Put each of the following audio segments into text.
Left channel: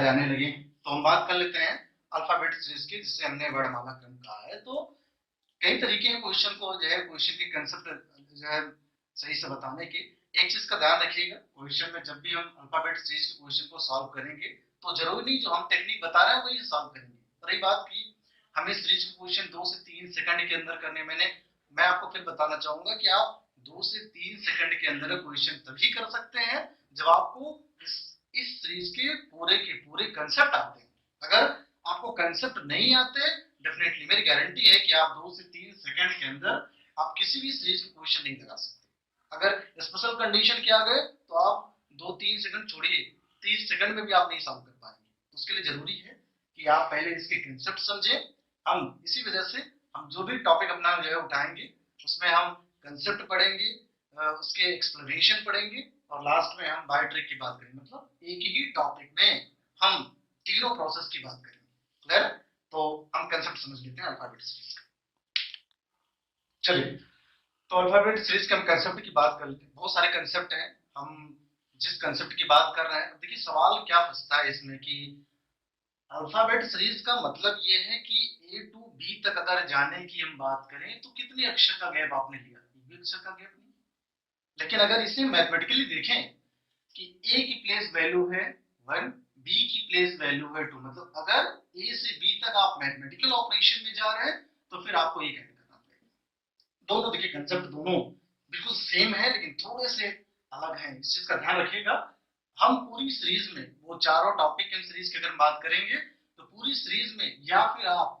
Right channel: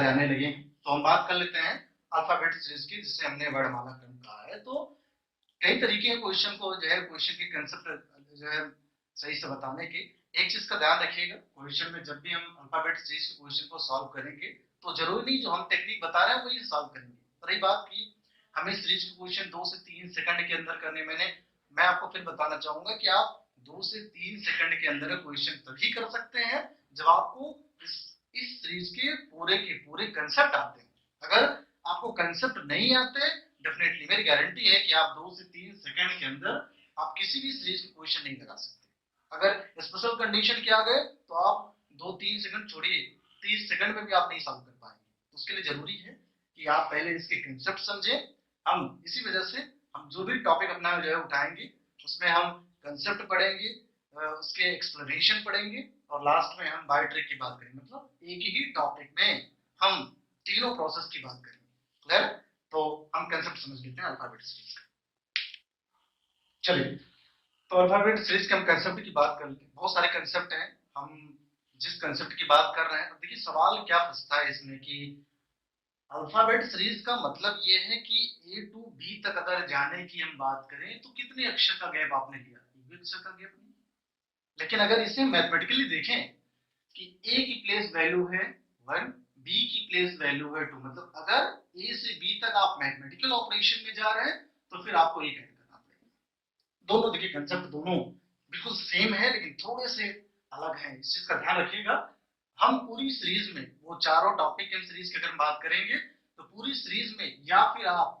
जाने लगे तो हम बात कर लेते हैं अल्फाबेट सीरीज की, जिससे हमने वर्णमाला क्रम कहा है। तो कई तरीके हैं क्वेश्चन को जो है क्वेश्चन के कंसेप्ट जो है सही से बताने के। एक चीज का ध्यान रखिएगा, क्वेश्चन में जब भी हम अल्फाबेट सीरीज के क्वेश्चन को सॉल्व करेंगे तो जरूरी नहीं जो हम टेक्निक बता रहे हैं वही सॉल्व करेंगे। रही बात की हमें सीरीज के क्वेश्चन 2 से 3 सेकंड के अंदर करने, मैं आपको फिर बताना चाहूंगा कि आप 2 से 3 सेकंड के अंदर क्वेश्चन तभी कर सकते हैं जब आपको इस सीरीज के पूरे कंसेप्ट आते हैं। अगर आपको कंसेप्ट नहीं आते, डेफिनेटली मेरी गारंटी है कि आप 2 से 3 सेकंड के अंदर आप किसी भी सीरीज का क्वेश्चन नहीं लगा सकते। अगर स्पेशल कंडीशन के आ गए तो आप 2-3 सेकंड छोड़िए, 30 सेकंड में भी आप नहीं सॉल्व कर पाएंगे। तो उसके लिए जरूरी है कि आप पहले इसके कंसेप्ट समझें। हम इसी वजह से हम जो भी टॉपिक अपना जो है उठाएंगे उसमें हम कंसेप्ट पढ़ेंगे, उसके एक्सप्लेनेशन पढ़ेंगे और लास्ट में हम बाय ट्रिक की बात करेंगे। मतलब एक ही टॉपिक में हम तीनों प्रोसेस की बात करेंगे। क्लियर? तो हम कंसेप्ट समझ लेते हैं अल्फाबेट सीरीज का। चलिए, तो अल्फाबेट सीरीज के हम कंसेप्ट की बात कर लेते हैं। बहुत सारे कंसेप्ट हैं, हम जिस कंसेप्ट की बात कर रहे हैं, देखिए सवाल क्या फंसता है इसमें कि अल्फाबेट सीरीज का मतलब ये है कि ए टू बी तक अगर जाने की हम बात करें तो कितने अक्षर का गैप आपने लिया? एक अक्षर का गैप नहीं। लेकिन अगर इसे मैथमेटिकली देखें कि ए की प्लेस वैल्यू है 1, बी की प्लेस वैल्यू है 2, मतलब अगर ए से बी तक आप मैथमेटिकल ऑपरेशन में जा रहे हैं तो फिर आपको ये ऐड करना पड़ेगा। दोनों देखिए कंसेप्ट दोनों बिल्कुल सेम है लेकिन थोड़े से अलग हैं, इस चीज का ध्यान रखिएगा। हम पूरी सीरीज में वो चारों टॉपिक इन सीरीज की अगर बात करेंगे तो पूरी सीरीज में या फिर आप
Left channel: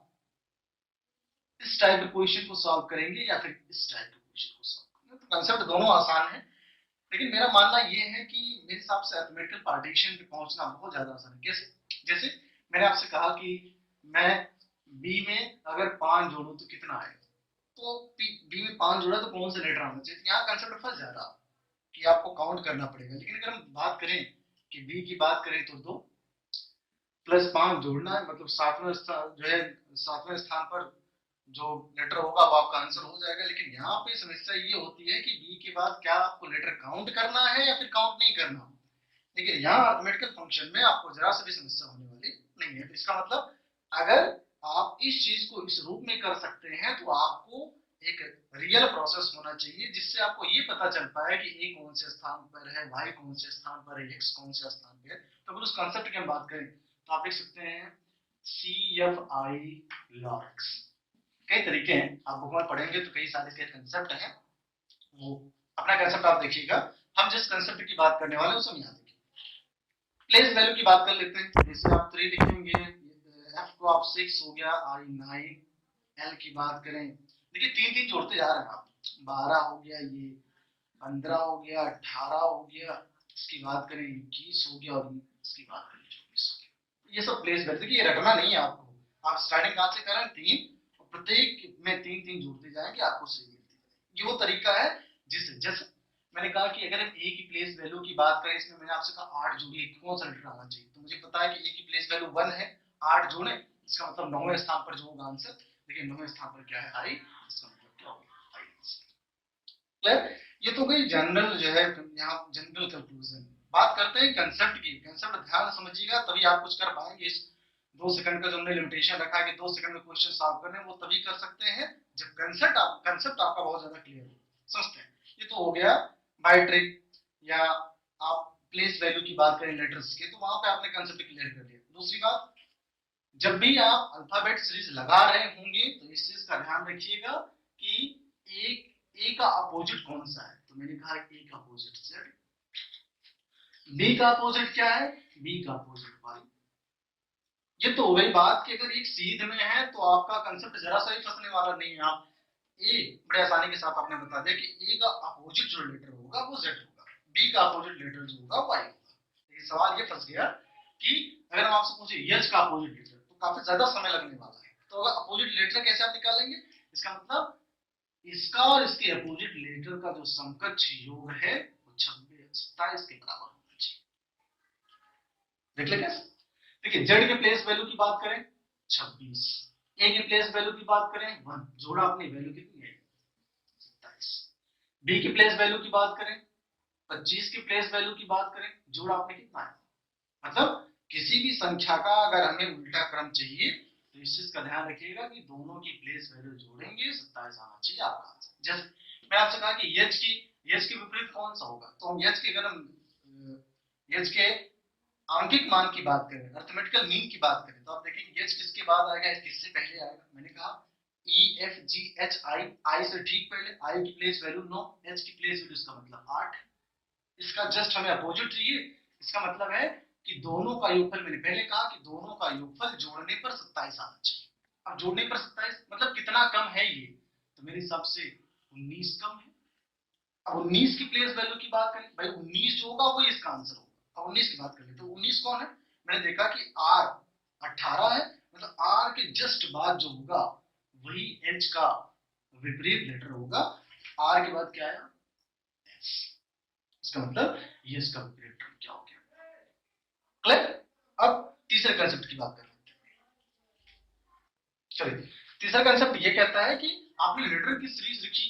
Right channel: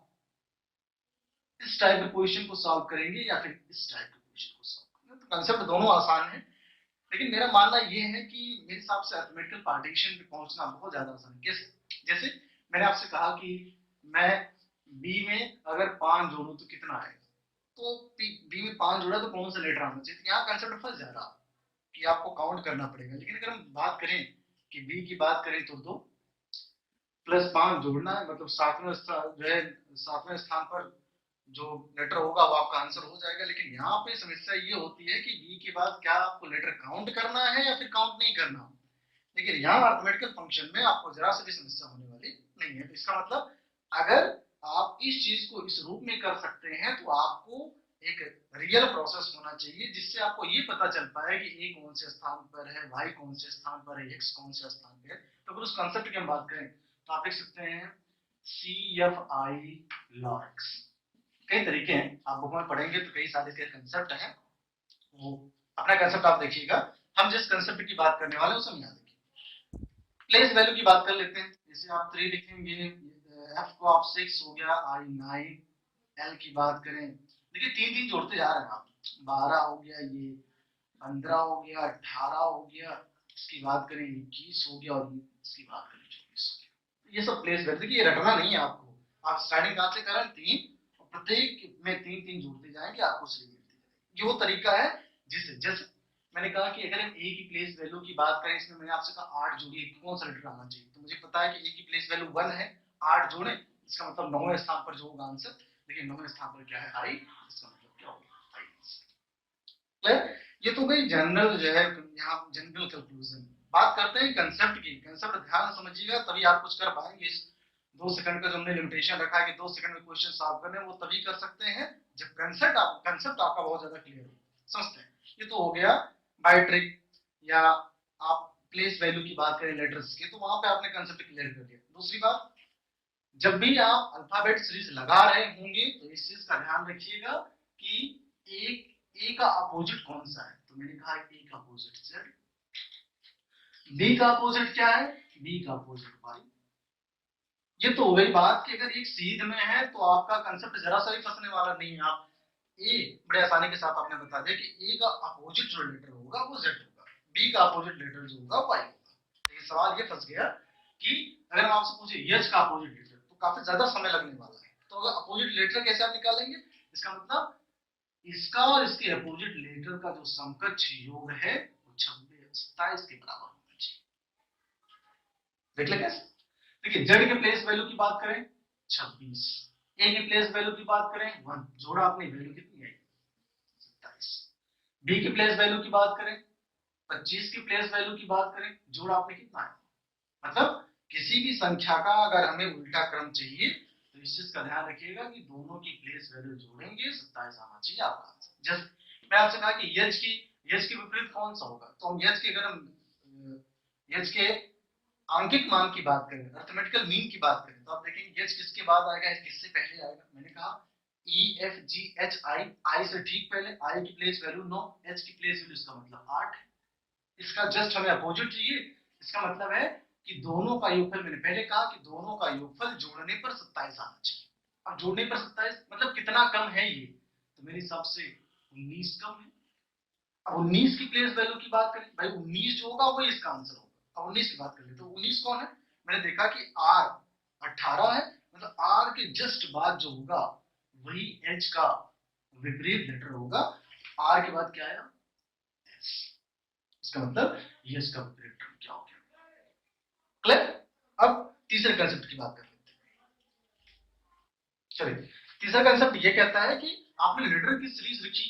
इस टाइप के क्वेश्चन को सॉल्व करेंगे या फिर इस टाइप के क्वेश्चन को सॉल्व करेंगे। तो कंसेप्ट दोनों आसान है, लेकिन मेरा मानना ये है कि मेरे हिसाब से अरिथमेटिकल पार्टीशन पे पहुंचना बहुत ज्यादा आसान है। कैसे? जैसे मैंने आपसे कहा कि मैं बी में अगर 5 जोड़ू तो कितना आएगा, तो बी में 5 जोड़ा तो कौन सा लेटर आना चाहिए। यहाँ कंसेप्ट फंस जा रहा कि आपको काउंट करना पड़ेगा। लेकिन अगर हम बात करें कि बी की बात करें तो 2 प्लस 5 जोड़ना है, मतलब सातवें स्थान जो है, सातवें स्थान पर जो लेटर होगा वो आपका आंसर हो जाएगा। लेकिन यहाँ पे समस्या ये होती है कि बी के बाद क्या आपको लेटर काउंट करना है या फिर काउंट नहीं करना। लेकिन यहाँ अरिथमेटिकल फंक्शन में आपको जरा सी भी समस्या होने वाली नहीं है। तो इसका मतलब अगर आप इस चीज को इस रूप में कर सकते हैं तो आपको एक रियल प्रोसेस होना चाहिए जिससे आपको ये पता चल पाए कि ए कौन से स्थान पर है, वाई कौन से स्थान पर है, एक्स कौन से स्थान पर है। तो अगर उस कॉन्सेप्ट की हम बात करें तो आप देख सकते हैं CFI लॉक्स। कई तरीके हैं, आप बुक में पढ़ेंगे तो कई सारे के कंसेप्ट हैं। वो अपना कंसेप्ट आप देखिएगा, हम जिस कंसेप्ट की बात करने वाले हैं उसे याद रखिए। प्लेस वैल्यू की बात कर लेते हैं। जैसे आप 3 लिखेंगे, एफ को आप 6 हो गया, आई 9, एल की बात करें देखिए 3-3 जोड़ते जा रहे हैं आप। 12 हो गया, ये 15 हो गया, 18 हो गया, इसकी बात करें 21 हो गया और इसकी बात करें 24 हो गया। ये सब प्लेस वैल्यू, देखिए ये रटना नहीं है आपको। आप स्टार्टिंग कहां से करें 3, और प्रत्येक में 3-3 जोड़ते जाएंगे, आपको सही मिलती है। ये वो तरीका है जिससे, जैसे मैंने कहा कि अगर हम ए की प्लेस वैल्यू की बात करें, इसमें मैंने आपसे कहा 8 जोड़िए, कौन सा लेटर आना चाहिए। तो मुझे पता है कि ए की प्लेस वैल्यू 1 है, 8 जोड़े, इसका मतलब 9वें स्थान पर जो होगा आंसर। देखिए 9वें स्थान पर क्या है? आई। इसका मतलब क्या होगा? आई। क्लियर? ये तो गई जनरल जो है, यहाँ जनरल कंक्लूजन। बात करते हैं कंसेप्ट की। कंसेप्ट ध्यान समझिएगा तभी आप कुछ कर पाएंगे। इस 2 सेकंड का जो हमने लिमिटेशन रखा है कि 2 सेकंड में क्वेश्चन सॉल्व करने, वो तभी कर सकते हैं जब कंसेप्ट आपका बहुत ज्यादा क्लियर हो। समझते हैं? ये तो हो गया बाय ट्रिक, या आप प्लेस वैल्यू की बात करें लेटर्स के, तो वहां पे आपने कंसेप्ट क्लियर कर दिया। दूसरी बात, जब भी आप अल्फाबेट सीरीज लगा रहे होंगे तो इस चीज का ध्यान रखिएगा कि एक ए का अपोजिट कौन सा है। तो मैंने कहा ए का अपोजिट जेड, बी का अपोजिट क्या है? बी का अपोजिट वाई। ये तो हो गई बात कि अगर एक सीध में है तो आपका कंसेप्ट जरा सा भी फंसने वाला नहीं है। आप ए बड़े आसानी के साथ आपने बता दिया कि ए का अपोजिट जो लेटर होगा वो जेड होगा, बी का अपोजिट लेटर जो होगा वाई होगा। लेकिन सवाल ये फंस गया कि अगर हम आपसे पूछे यच का अपोजिट लेटर तो काफी ज्यादा समय लगने वाला है। तो अगर अपोजिट लेटर कैसे आप निकालेंगे? इसका मतलब इसका और इसके अपोजिट लेटर का जो समकक्ष योग है वो 26-27 के बराबर होना चाहिए। देख ले कैसे? देखिए जेड के प्लेस वैल्यू की बात करें 26, ए की प्लेस वैल्यू की बात करें 1, जोड़ा अपनी वैल्यू कितनी है? 27। बी की प्लेस वैल्यू की बात करें 25, की प्लेस वैल्यू की बात करें, जोड़ा आपने कितना है? मतलब किसी भी संख्या का अगर हमें उल्टा क्रम चाहिए तो इस चीज का ध्यान रखिएगा कि दोनों की प्लेस वैल्यू जोड़ेंगे 27 आना चाहिए आपका आंसर। जैसे मैं आपसे कहा कि एच के विपरीत कौन सा होगा, तो हम एच के अगर हम एच के आंकिक मान की बात करें, अर्थमेटिकल मीन की बात करें, तो आप देखेंगे एच किसके बाद आएगा, किससे पहले आएगा। मैंने कहा ई एफ जी एच आई, आई से ठीक पहले, आई की प्लेस वैल्यू 9, एच की प्लेस वैल्यू इसका मतलब 8। इसका जस्ट हमें अपोजिट चाहिए। इसका मतलब है कि दोनों का योगफल, मैंने पहले कहा कि दोनों का योगफल जोड़ने पर 27 आना चाहिए। अब जोड़ने पर 27 मतलब कितना कम है ये, तो मेरे हिसाब से 19 कम है। अब 19 की प्लेस वैल्यू की बात करें, भाई 19 जो होगा वही इसका आंसर होगा। अब 19 की बात करें तो 19 कौन है, मैंने देखा कि आर 18 है, मतलब आर के जस्ट बाद जो होगा वही एच का विपरीत लेटर होगा। आर के बाद क्या आया, एस। इसका मतलब ये इसका विपरीत टर्म क्या हो गया। क्लियर। अब तीसरे कंसेप्ट की बात कर लेते हैं। चलिए, तीसरा कंसेप्ट ये कहता है कि आपने लेटर की सीरीज लिखी,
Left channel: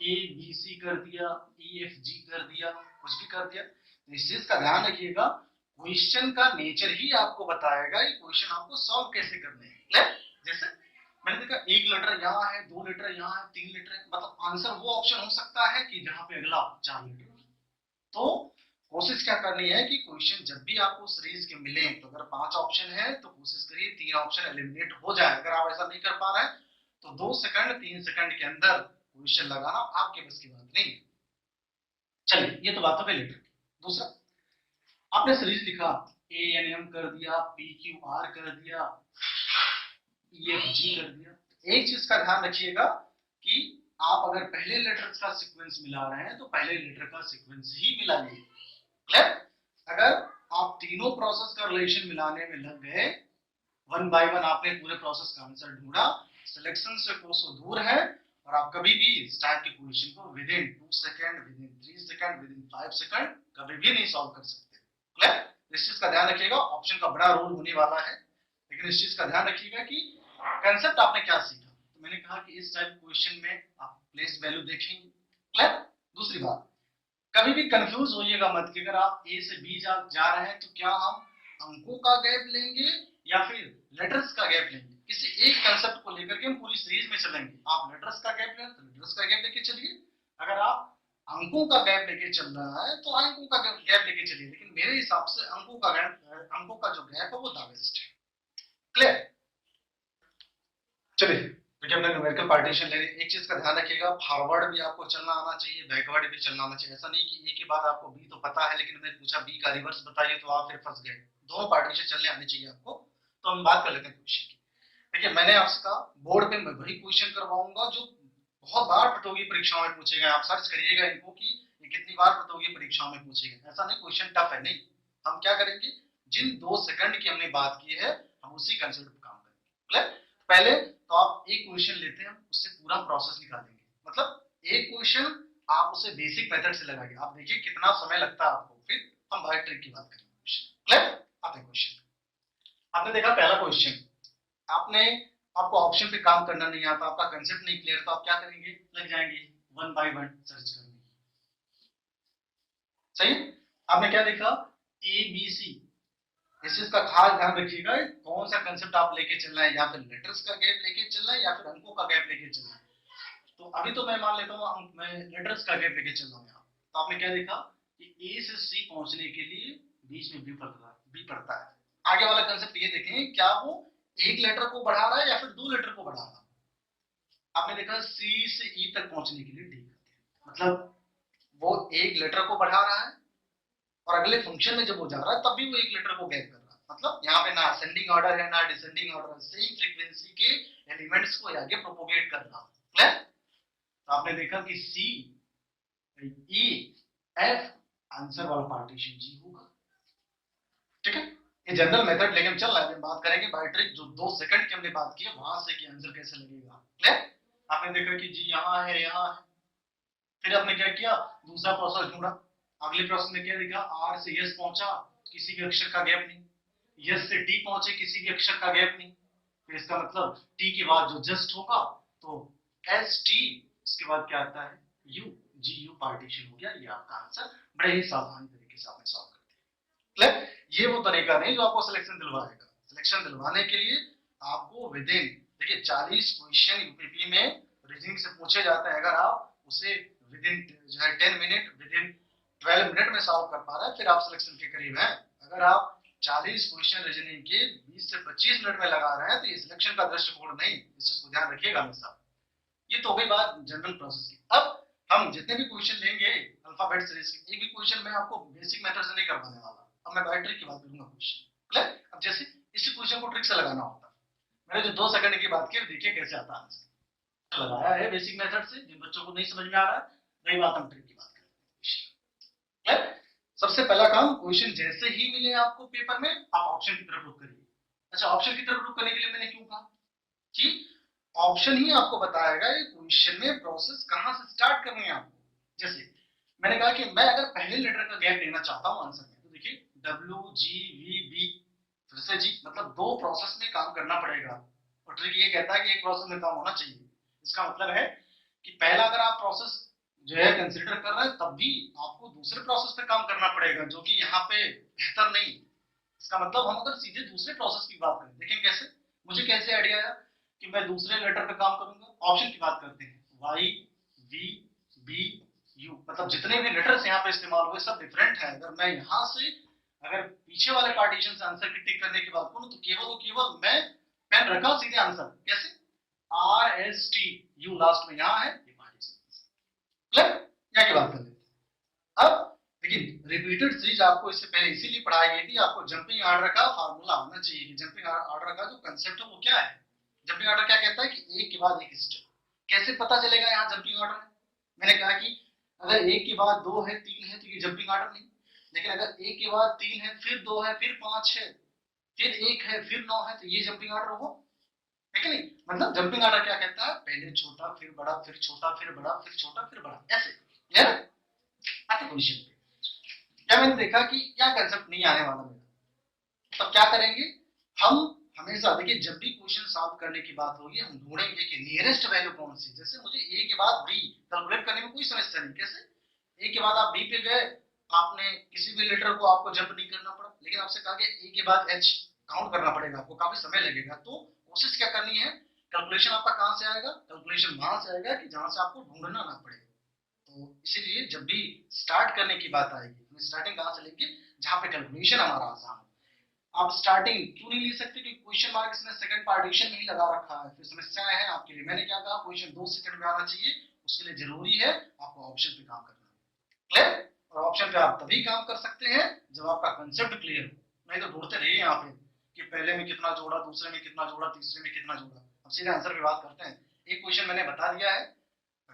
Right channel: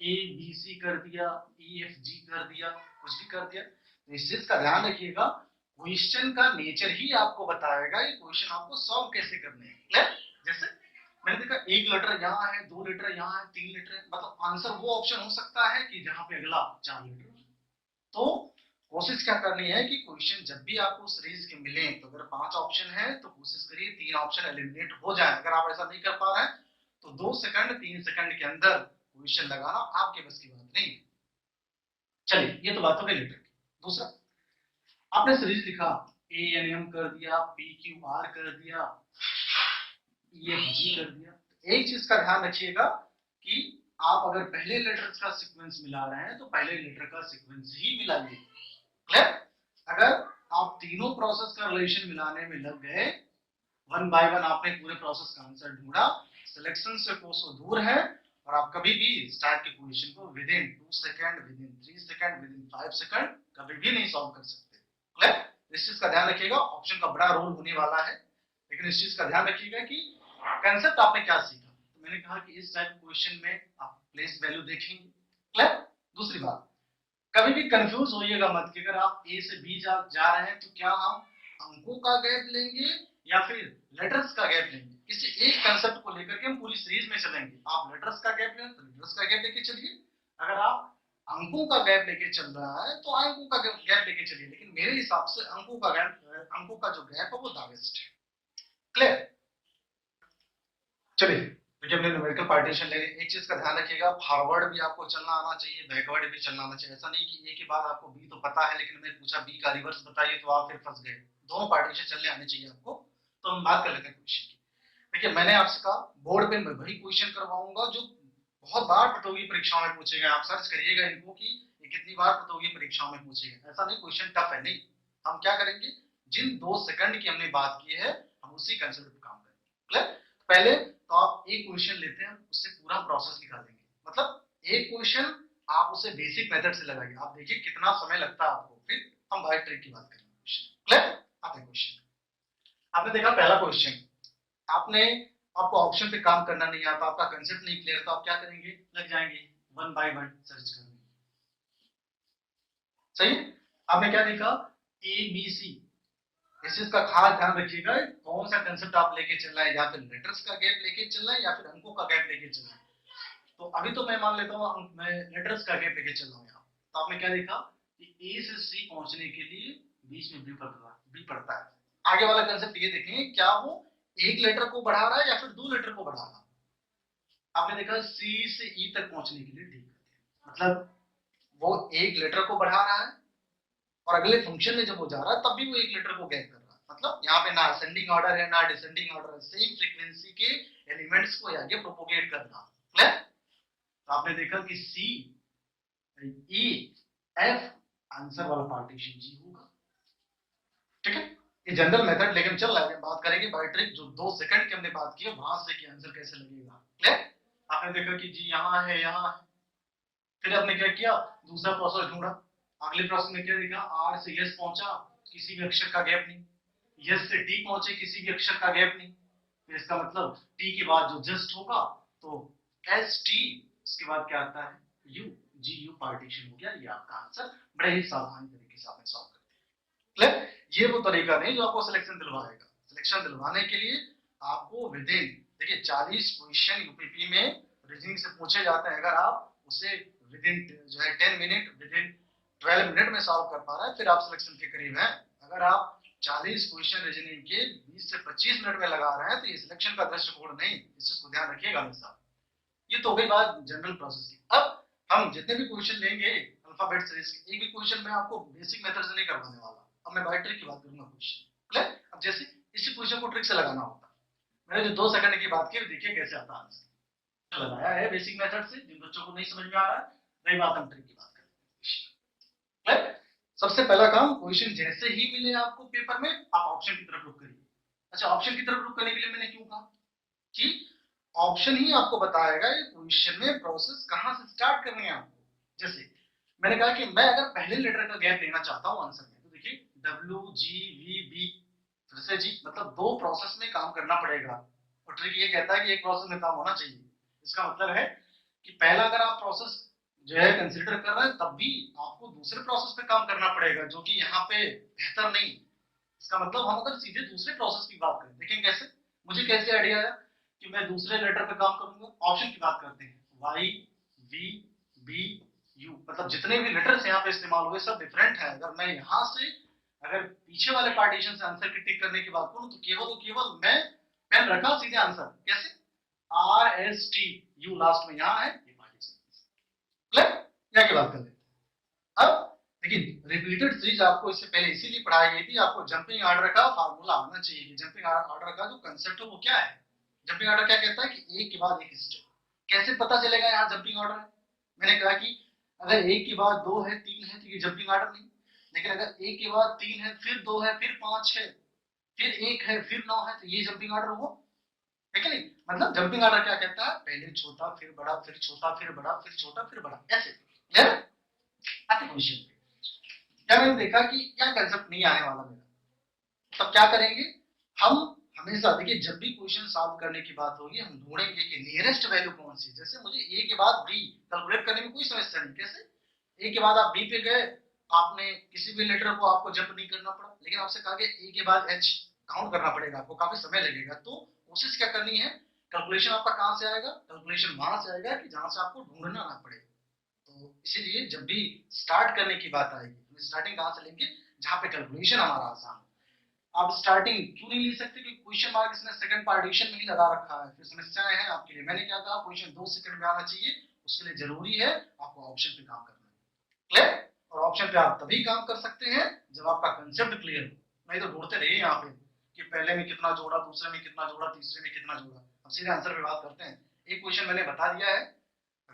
ए बी सी कर दिया, ई एफ जी कर दिया, कुछ भी कर दिया, तो इस चीज का ध्यान रखिएगा क्वेश्चन का नेचर ही आपको बताएगा ये क्वेश्चन आपको सॉल्व कैसे करने हैं। क्लियर। जैसे मैंने देखा एक लेटर यहाँ है, 2 लेटर यहाँ है, 3 लेटर है, मतलब आंसर वो ऑप्शन हो सकता है कि जहां पे अगला 4 लेटर है। तो कोशिश क्या करनी है कि क्वेश्चन जब भी आपको सीरीज के मिले, तो अगर 5 ऑप्शन है तो कोशिश करिए 3 ऑप्शन एलिमिनेट हो जाए। अगर आप ऐसा नहीं कर पा रहे हैं तो 2 सेकंड 3 सेकंड के अंदर क्वेश्चन लगाना आपके बस की बात नहीं है। चलिए, ये तो बात हो गई लेटर। दूसरा, आपने सीरीज लिखा, ए एन एम कर दिया, पी क्यू आर कर दिया, ई एफ जी कर दिया। एक चीज का ध्यान रखिएगा कि आप अगर पहले लेटर्स का सीक्वेंस मिला रहे हैं तो पहले लेटर का सीक्वेंस ही मिलाइए। क्लियर। अगर आप तीनों प्रोसेस का रिलेशन मिलाने में लग गए, वन बाय वन आपने पूरे प्रोसेस का आंसर ढूंढा, सिलेक्शन से कोसों दूर है, और आप कभी भी इस टाइप की क्वेश्चन को with in 2 second, with in 3 second, with in 5 second कभी भी नहीं सॉल्व कर सकते। क्लियर। इस चीज का ध्यान रखिएगा, ऑप्शन का बड़ा रोल होने वाला है, लेकिन इस चीज का ध्यान रखिएगा कि कंसेप्ट आपने क्या सीखा। तो मैंने कहा कि इस टाइप क्वेश्चन में आप प्लेस वैल्यू देखेंगे। क्लियर। दूसरी बात, कभी भी कंफ्यूज होइएगा मत कि अगर आप ए से बी जा रहे हैं तो क्या हम अंकों का गैप लेंगे या फिर लेटर्स का गैप लेंगे। किसी एक कंसेप्ट को लेकर के हम पूरी सीरीज में चलेंगे। आप लेटर्स का गैप लें तो लेटर्स का गैप लेके चलिए, अगर आप अंकों का गैप लेके चल रहा है तो अंकों का गैप लेके चलिए, लेकिन मेरे हिसाब से अंकों का जो गैप है वो द बेस्ट है। क्लियर। चलिए, क्योंकि हमने न्यूमेरिकल पार्टीशन ले, एक चीज का ध्यान रखिएगा, फॉरवर्ड भी आपको चलना आना चाहिए, बैकवर्ड भी चलना आना चाहिए। ऐसा नहीं कि एक ही बात आपको बी तो पता है लेकिन मैं पूछा बी का रिवर्स बताइए तो आप फिर फंस गए। दोनों पार्टीशन चलने आने चाहिए आपको। तो हम बात कर लेते हैं क्वेश्चन की। देखिए, मैंने आपसे कहा बोर्ड पे मैं वही क्वेश्चन करवाऊंगा जो बहुत बार प्रतियोगी परीक्षाओं में पूछे गए। आप सर्च करिएगा इनको कि ये कितनी बार प्रतियोगी परीक्षाओं में पूछे गए। ऐसा नहीं क्वेश्चन टफ है, नहीं। हम क्या करेंगे, जिन 2 सेकंड की हमने बात की है हम उसी कंसेप्ट पे काम करेंगे। क्लियर। पहले तो आप एक क्वेश्चन लेते हैं, उससे पूरा प्रोसेस निकालेंगे। मतलब एक क्वेश्चन आप उसे बेसिक मेथड से लगाइए, आप देखिए कितना समय लगता है आपको, फिर हम बायो ट्रिक की बात करेंगे। क्लियर। आते क्वेश्चन, आपने देखा पहला क्वेश्चन, आपने आपको ऑप्शन पे काम करना नहीं आता, आपका कंसेप्ट नहीं क्लियर, तो आप क्या करेंगे, लग जाएंगे वन बाय वन सर्च करने। सही। आपने क्या देखा, ए बी सी, इस चीज का खास ध्यान रखिएगा कौन सा कंसेप्ट आप लेके चल रहे हैं, या फिर लेटर्स का गैप लेके चल रहे हैं या फिर अंकों का गैप लेके चल रहे हैं। तो अभी तो मैं मान लेता हूँ मैं लेटर्स का गैप लेके चल रहा हूँ यहाँ। तो आपने क्या देखा कि ए से सी पहुंचने के लिए बीच में बी पड़ता है। आगे वाला कंसेप्ट ये देखें, क्या वो एक लेटर को बढ़ा रहा है या फिर 2 लेटर को बढ़ा रहा है। आपने देखा सी से ई तक पहुंचने के लिए डी करते हैं, मतलब वो एक लेटर को बढ़ा रहा है और अगले फंक्शन में जब वो जा रहा है तब भी वो एक लेटर को गैप कर रहा है। मतलब यहाँ पे ना असेंडिंग ऑर्डर है ना डिसेंडिंग ऑर्डर है, सेम फ्रीक्वेंसी के एलिमेंट्स को आगे प्रोपोगेट कर रहा है। तो आपने देखा कि सी ई एफ, आंसर वाला पार्टीशन जी होगा। ठीक है, ये जनरल मेथड लेकिन चल रहा है, बात करेंगे बाय ट्रिक जो 2 सेकंड की हमने बात की है वहां से कि आंसर कैसे लगेगा। क्लियर। आपने देखा कि जी यहाँ है यहाँ है, फिर आपने क्या किया, दूसरा प्रोसेस ढूंढा। अगले प्रोसेस में क्या देखा, आर से यस पहुंचा, किसी भी अक्षर का गैप नहीं, यस से टी पहुंचे, किसी भी अक्षर का गैप नहीं, फिर इसका मतलब टी के बाद जो जस्ट होगा तो एस टी, इसके बाद क्या आता है यू, जी यू पार्टीशन हो गया। ये आपका आंसर बड़े ही सावधानी तरीके से आपने सॉल्व कर दिया। ये वो तरीका नहीं जो आपको सिलेक्शन दिलवाएगा। सिलेक्शन दिलवाने के लिए आपको विद इन, देखिए 40 क्वेश्चन यूपीपी में रीजनिंग से पूछे जाते हैं, अगर आप उसे विद इन जो है 10 मिनट, विद इन 12 मिनट में सॉल्व कर पा रहे हैं, फिर आप सिलेक्शन के करीब हैं। अगर आप 40 क्वेश्चन रीजनिंग के 20 से 25 मिनट में लगा रहे हैं तो ये सिलेक्शन का दृष्टिकोण नहीं, इस चीज को ध्यान रखिएगा हमेशा। ये तो हो गई बात जनरल प्रोसेस की। अब हम जितने भी क्वेश्चन लेंगे अल्फाबेट सीरीज के, एक भी क्वेश्चन मैं आपको बेसिक मेथड से नहीं करवाने वाला, अब मैं बाय ट्रिक की बात करूंगा क्वेश्चन। क्लियर? अब जैसे इसी क्वेश्चन को ट्रिक से लगाना होता है, मैंने जो 2 सेकंड की बात की, देखिए कैसे आता है आंसर। लगाया है बेसिक मेथड से, जिन बच्चों को नहीं समझ में आ रहा है, रही बात हम ट्रिक की बात करें। क्लियर? सबसे पहला काम, क्वेश्चन जैसे ही मिले आपको पेपर में, आप ऑप्शन की तरफ रुख करिए। अच्छा, ऑप्शन की तरफ रुख करने के लिए मैंने क्यों कहा कि ऑप्शन ही आपको बताएगा ये क्वेश्चन में प्रोसेस कहां से स्टार्ट करनी है आपको। जैसे मैंने कहा कि मैं अगर पहले लेटर का गैप लेना चाहता हूं आंसर में, तो देखिए WGVB, फिर से जी, मतलब 2 प्रोसेस में काम करना पड़ेगा, और ट्रिक ये कहता है कि एक प्रोसेस में काम होना चाहिए। इसका मतलब है कि पहला अगर आप प्रोसेस जो है कंसीडर कर रहे हैं, तब भी आपको दूसरे प्रोसेस पे काम करना पड़ेगा, जो कि यहाँ पे बेहतर नहीं। इसका मतलब हम अगर सीधे दूसरे प्रोसेस की बात करें, देखें कैसे, मुझे कैसे आइडिया आया कि मैं दूसरे लेटर पे काम करूंगा। ऑप्शन की बात करते हैं, वाई वी बी यू, मतलब जितने भी लेटर्स यहाँ पे इस्तेमाल हुए सब डिफरेंट है। अगर मैं यहाँ से अगर पीछे वाले पार्टीशन से आंसर की टिक करने की बात करूं, तो केवल मैं पेन रखा सीधे आंसर, कैसे, RST, यू लास्ट में यहाँ है, ये पार्टीशन। क्लियर? क्या की बात कर लेते हैं अब। लेकिन रिपीटेड सीरीज आपको इससे पहले इसीलिए पढ़ाई गई थी, आपको जंपिंग ऑर्डर का फार्मूला आना चाहिए। जंपिंग ऑर्डर का जो कंसेप्ट है वो क्या है। जंपिंग ऑर्डर क्या कहता है कि एक के बाद एक स्टेप। कैसे पता चलेगा यहाँ जंपिंग ऑर्डर है? मैंने कहा कि अगर एक के बाद 2 है, 3 है, तो ये जंपिंग ऑर्डर नहीं। लेकिन अगर एक के बाद 3 है, फिर 2 है, फिर 5 है, फिर 1 है, फिर 9 है, तो ये जंपिंग ऑर्डर हो, है कि नहीं। मतलब जंपिंग ऑर्डर क्या कहता है, पहले छोटा फिर बड़ा, फिर छोटा फिर बड़ा, फिर छोटा फिर बड़ा, ऐसे। क्लियर? आते क्वेश्चन पे क्या मैंने देखा कि क्या कंसेप्ट नहीं आने वाला मेरा, तब क्या करेंगे हम, हमेशा देखिए जब भी क्वेश्चन सॉल्व करने की बात होगी, हम ढूंढेंगे कि नियरेस्ट वैल्यू कौन सी। जैसे मुझे ए के बाद बी कैलकुलेट करने में कोई समस्या नहीं, कैसे, ए के बाद आप बी पे गए, आपने किसी भी लेटर को आपको जंप नहीं करना पड़ा, लेकिन आपसे कहा गया ए के बाद एच काउंट करना पड़ेगा, आपको काफी समय लगेगा। तो कोशिश क्या करनी है, कैलकुलेशन आपका कहां से आएगा, कैलकुलेशन वहां से आएगा कि जहां से आपको ढूंढना ना पड़े। तो इसीलिए जब भी स्टार्ट करने की बात आएगी, हम स्टार्टिंग कहां से लेंगे, जहां पे कैलकुलेशन हमारा आसान हो। आप स्टार्टिंग क्यों नहीं ले सकते, क्योंकि क्वेश्चन मार्क इसने सेकंड पार्टीशन में ही लगा रखा है, फिर समस्याएं हैं आपके लिए। मैंने क्या कहा, क्वेश्चन 2 सेकंड में आना चाहिए, उसके लिए जरूरी है आपको ऑप्शन पे काम करना। क्लियर? और ऑप्शन पे आप तभी काम कर सकते हैं जब आपका कंसेप्ट क्लियर हो, नहीं तो ढूंढते रहिए यहाँ पे कि पहले में कितना जोड़ा, दूसरे में कितना जोड़ा, तीसरे में कितना जोड़ा। अब सीधे आंसर पे बात करते हैं। एक क्वेश्चन मैंने बता दिया है,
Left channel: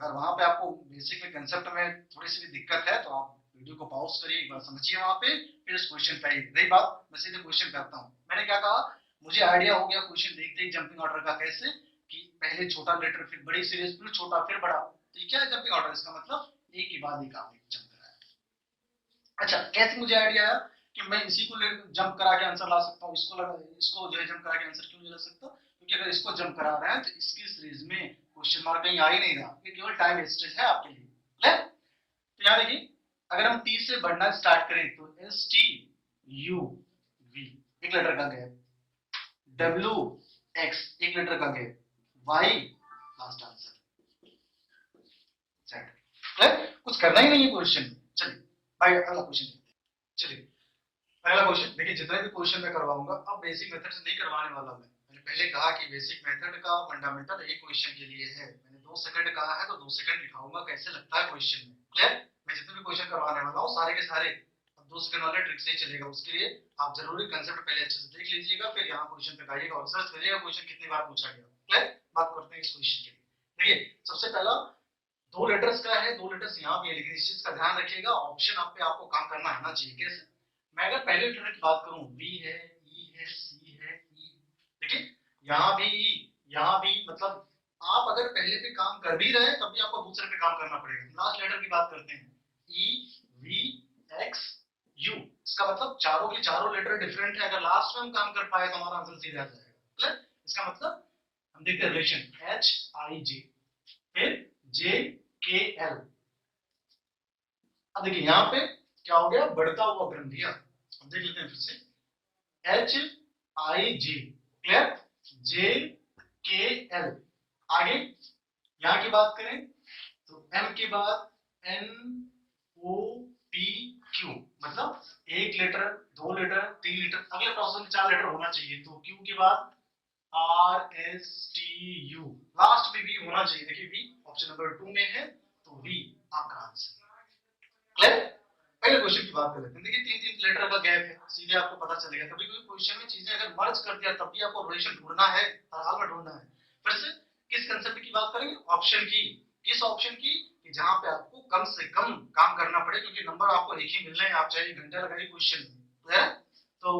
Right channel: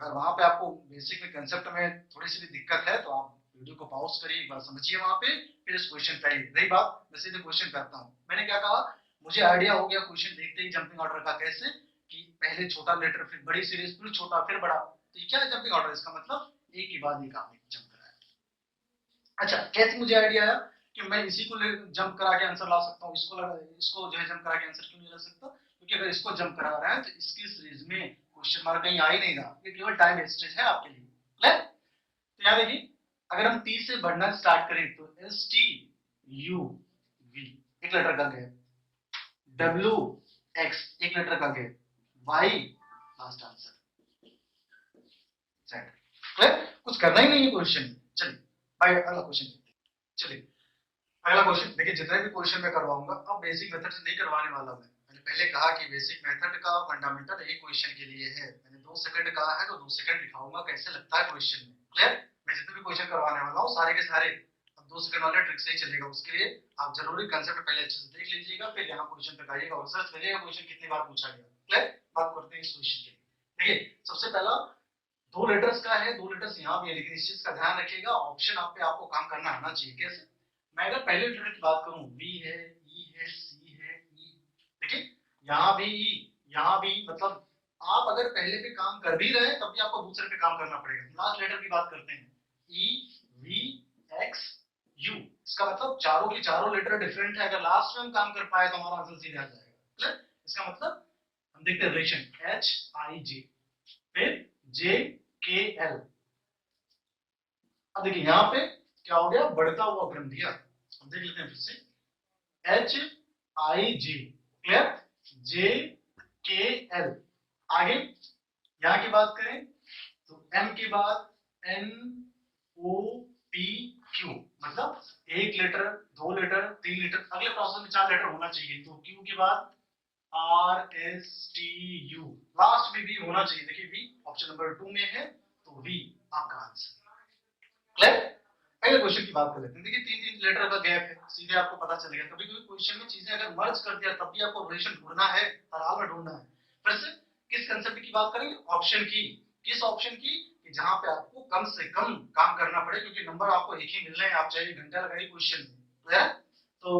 अगर वहां पे आपको बेसिक में कंसेप्ट में थोड़ी सी भी दिक्कत है तो आप वीडियो को पॉज करिए, एक बार समझिए वहां पे, फिर इस क्वेश्चन पे आइए। रही बात, मैं सीधे क्वेश्चन पे आता हूँ। मैंने क्या कहा, मुझे आइडिया हो गया क्वेश्चन देखते ही जंपिंग ऑर्डर का, कैसे कि पहले छोटा लेटर, फिर बड़ी सीरीज, फिर छोटा, फिर बड़ा। तो ये क्या है जंपिंग ऑर्डर, इसका मतलब एक के बाद एक आपने जंप कराया। अच्छा, कैसे मुझे आइडिया आया कि मैं इसी को जंप करा के आंसर ला सकता हूँ, इसको जो है जंप करा के आंसर क्यों नहीं ला सकता, क्योंकि अगर इसको जंप करा रहा है तो इसकी सीरीज में क्वेश्चन मार्क कहीं आ ही नहीं रहा, ये केवल टाइम वेस्टेज है आपके लिए। क्लियर? तो यहाँ देखिए, अगर हम 30 से बढ़ना स्टार्ट करें तो STUV एक लेटर का गैप, WX एक लेटर का gap, Y last answer, set. Clear? कुछ करना ही नहीं है क्वेश्चन। चलिए भाई अगला क्वेश्चन देखते हैं। चलिए अगला क्वेश्चन देखिए, जितने भी क्वेश्चन मैं करवाऊंगा अब बेसिक मेथड से नहीं करवाने वाला हूं। मैंने पहले कहा कि बेसिक मेथड का फंडामेंटल एक क्वेश्चन के लिए है। मैंने 2 सेकंड कहा है तो 2 सेकंड दिखाऊंगा कैसे लगता है क्वेश्चन में। क्लियर? मैं जितने भी क्वेश्चन करवाने वाला हूँ सारे के सारे अब 2 सेकंड वाले ट्रिक से ही चलेगा। उसके लिए आप जरूरी कंसेप्ट पहले अच्छे से देख लीजिएगा, फिर यहाँ क्वेश्चन पे आइएगा और सर्च करिएगा क्वेश्चन कितनी बार पूछा गया। क्लियर? बात करते हैं इस क्वेश्चन की। देखिए सबसे पहला 2 लेटर्स का है, 2 लेटर्स यहाँ भी है, लेकिन इस चीज का ध्यान रखिएगा ऑप्शन आप पे आपको काम करना आना चाहिए। कैसे? मैं अगर पहले लेटर की बात करूं, बी है, ई है, सी है, ई, देखिए यहाँ भी ई, यहाँ भी, मतलब आप अगर पहले पे काम कर भी रहे हैं तब भी आपको दूसरे पे काम करना पड़ेगा। लास्ट लेटर की बात करते हैं, ई वी एक्स यू, इसका मतलब चारों के चारों लेटर डिफरेंट है। अगर लास्ट में हम काम कर पाए तो हमारा आंसर सीधा आ जाएगा। क्लियर? इसका मतलब हम देखते हैं रिलेशन एच आई जे, फिर जे के एल। अब देखिए यहाँ पे क्या हो गया, बढ़ता हुआ क्रम दिया। हम देख लेते हैं फिर से, एच आई जी, क्लियर, जे के एल। आगे यहां की बात करें तो एम के बाद एन ओ पी क्यू, मतलब 1 लीटर 2 लीटर 3 लीटर, अगले प्रोसेस में 4 लीटर होना चाहिए। तो क्यू के बाद R S T U, last में भी होना चाहिए। देखिए वी ऑप्शन नंबर 2 में है, तो वी आपका आंसर। क्लियर। पहले क्वेश्चन की बात कर लेते हैं। देखिए 3 3 लीटर का गैप है, सीधे आपको पता चलेगा। कभी कभी क्वेश्चन में चीजें अगर मर्ज कर दिया तब भी आपको रिलेशन ढूंढना है, हर हाल में ढूंढना है। फिर से किस कंसेप्ट की बात करेंगे? ऑप्शन की। किस ऑप्शन की? कि जहां पे आपको कम से कम काम करना पड़े, क्योंकि नंबर आपको एक ही मिल रहे हैं, आप चाहे 1 घंटा लगाइए क्वेश्चन में। क्लियर। तो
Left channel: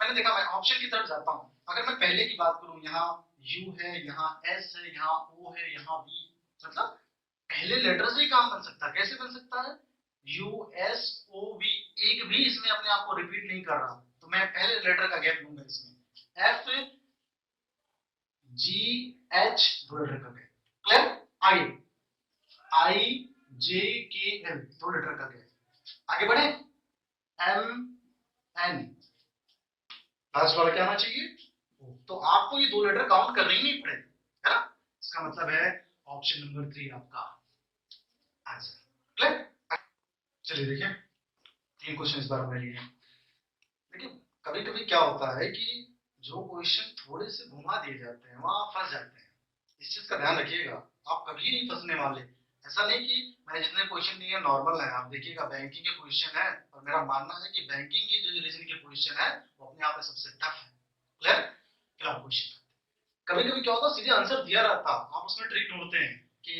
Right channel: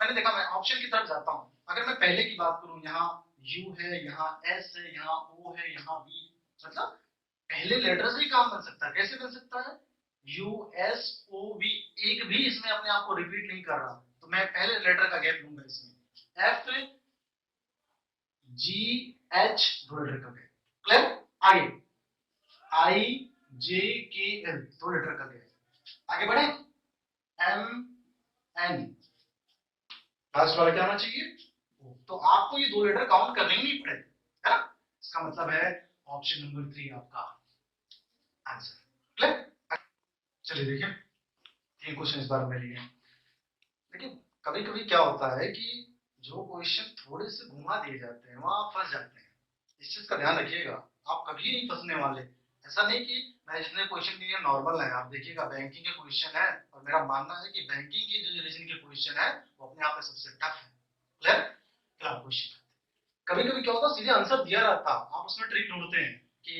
मैंने देखा, मैं ऑप्शन की तरफ जाता हूं। अगर मैं पहले की बात करूं, यहाँ यू है, यहाँ एस है, यहाँ ओ है, यहाँ वी, मतलब पहले लेटर से ही काम बन सकता है। कैसे बन सकता है? यू एस ओ वी, एक भी इसमें अपने आप को रिपीट नहीं कर रहा, तो मैं पहले लेटर का गैप लूंगा इसमें। एफ जी एच, 2 लीटर का गैप। क्लियर। आगे आई जे के एल, 2 लीटर का गैप। आगे बढ़े, एम एन, लास्ट वाला क्या आना चाहिए? तो आपको ये 2 लीटर काउंट करने ही नहीं पड़ेगा, है ना। इसका मतलब है ऑप्शन नंबर 3 आपका आंसर। क्लियर। चलिए देखिए 3 क्वेश्चन इस बार में लिए हैं। देखिए कभी कभी क्या होता है कि जो क्वेश्चन थोड़े से घुमा दिए जाते हैं वहां आप फंस जाते हैं। इस चीज का ध्यान रखिएगा, आप कभी नहीं फंसने वाले। ऐसा नहीं कि मैंने जितने क्वेश्चन दिए नॉर्मल है। आप देखिएगा बैंकिंग के क्वेश्चन है, और मेरा मानना है कि बैंकिंग के जो रीजनिंग के क्वेश्चन है वो अपने आप में सबसे टफ है। क्लियर। Clear question. कभी कभी क्या होता है, सीधे आंसर दिया रहता, आप उसमें ट्रिक ढूंढते हैं कि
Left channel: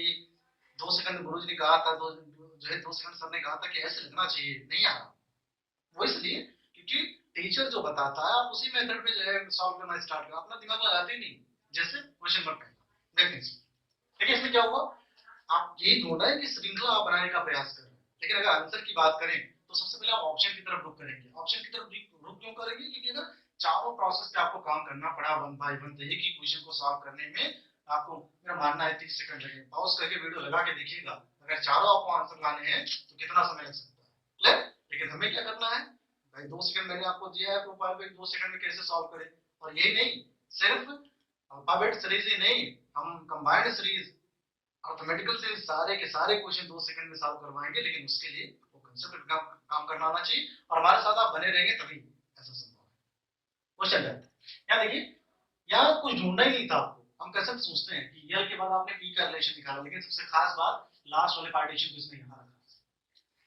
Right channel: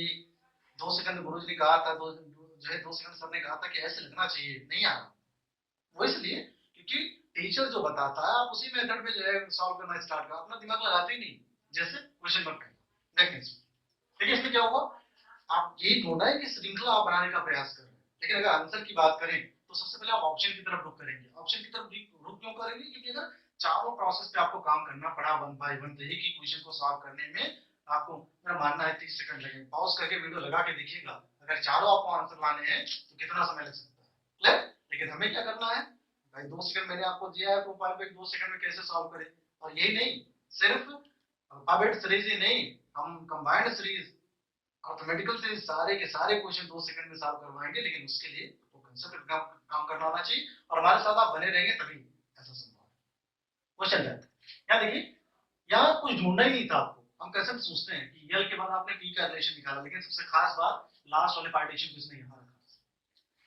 2 सेकंड गुरुजी ने कहा था, जो है 2 सेकंड सर ने कहा था कि ऐसे लिखना चाहिए, नहीं आ रहा। वो इसलिए क्योंकि टीचर जो बताता है आप उसी मेथड पे जो है सॉल्व करना स्टार्ट करो, अपना दिमाग लगाते ही नहीं। जैसे क्वेश्चन मत पहला देखने से, देखिए इसमें क्या हुआ, आप यही ढूंढना है कि श्रृंखला आप बनाने का प्रयास कर रहे हैं। लेकिन अगर आंसर की बात करें तो सबसे पहले आप ऑप्शन की तरफ रुक करेंगे। ऑप्शन की तरफ रुक क्यों करेंगे? क्योंकि अगर चारों प्रोसेस पे आपको काम करना पड़ा 1 बाय 1, तो एक ही क्वेश्चन को सॉल्व करने में आपको, मेरा मानना है 30 सेकंड लगेंगे। पॉज करके वीडियो लगा के देखिएगा, अगर चारों आपको आंसर लाने हैं तो कितना समय लग सकता है। क्लियर। लेकिन हमें क्या करना है भाई, 2 सेकंड मैंने आपको दिया है प्रोफाइल पे, 2 सेकंड में कैसे सॉल्व करें। और यही नहीं, सिर्फ अल्फाबेट सीरीज ही नहीं, हम कंबाइंड सीरीज अर्थमेटिकल से सारे के सारे क्वेश्चन 2 सेकंड में सॉल्व करवाएंगे। लेकिन उसके लिए वो कंसेप्ट काम करना आना चाहिए, और हमारे साथ आप बने रहेंगे तभी ऐसा संभव है। क्वेश्चन जाते हैं, यहाँ देखिए, यहाँ कुछ ढूंढना ही नहीं था आपको। हम कैसे सोचते हैं कि यल के बाद आपने पी का रिलेशन निकाला, लेकिन सबसे खास बात लास्ट वाले पार्टीशन को इसने यहाँ रखा।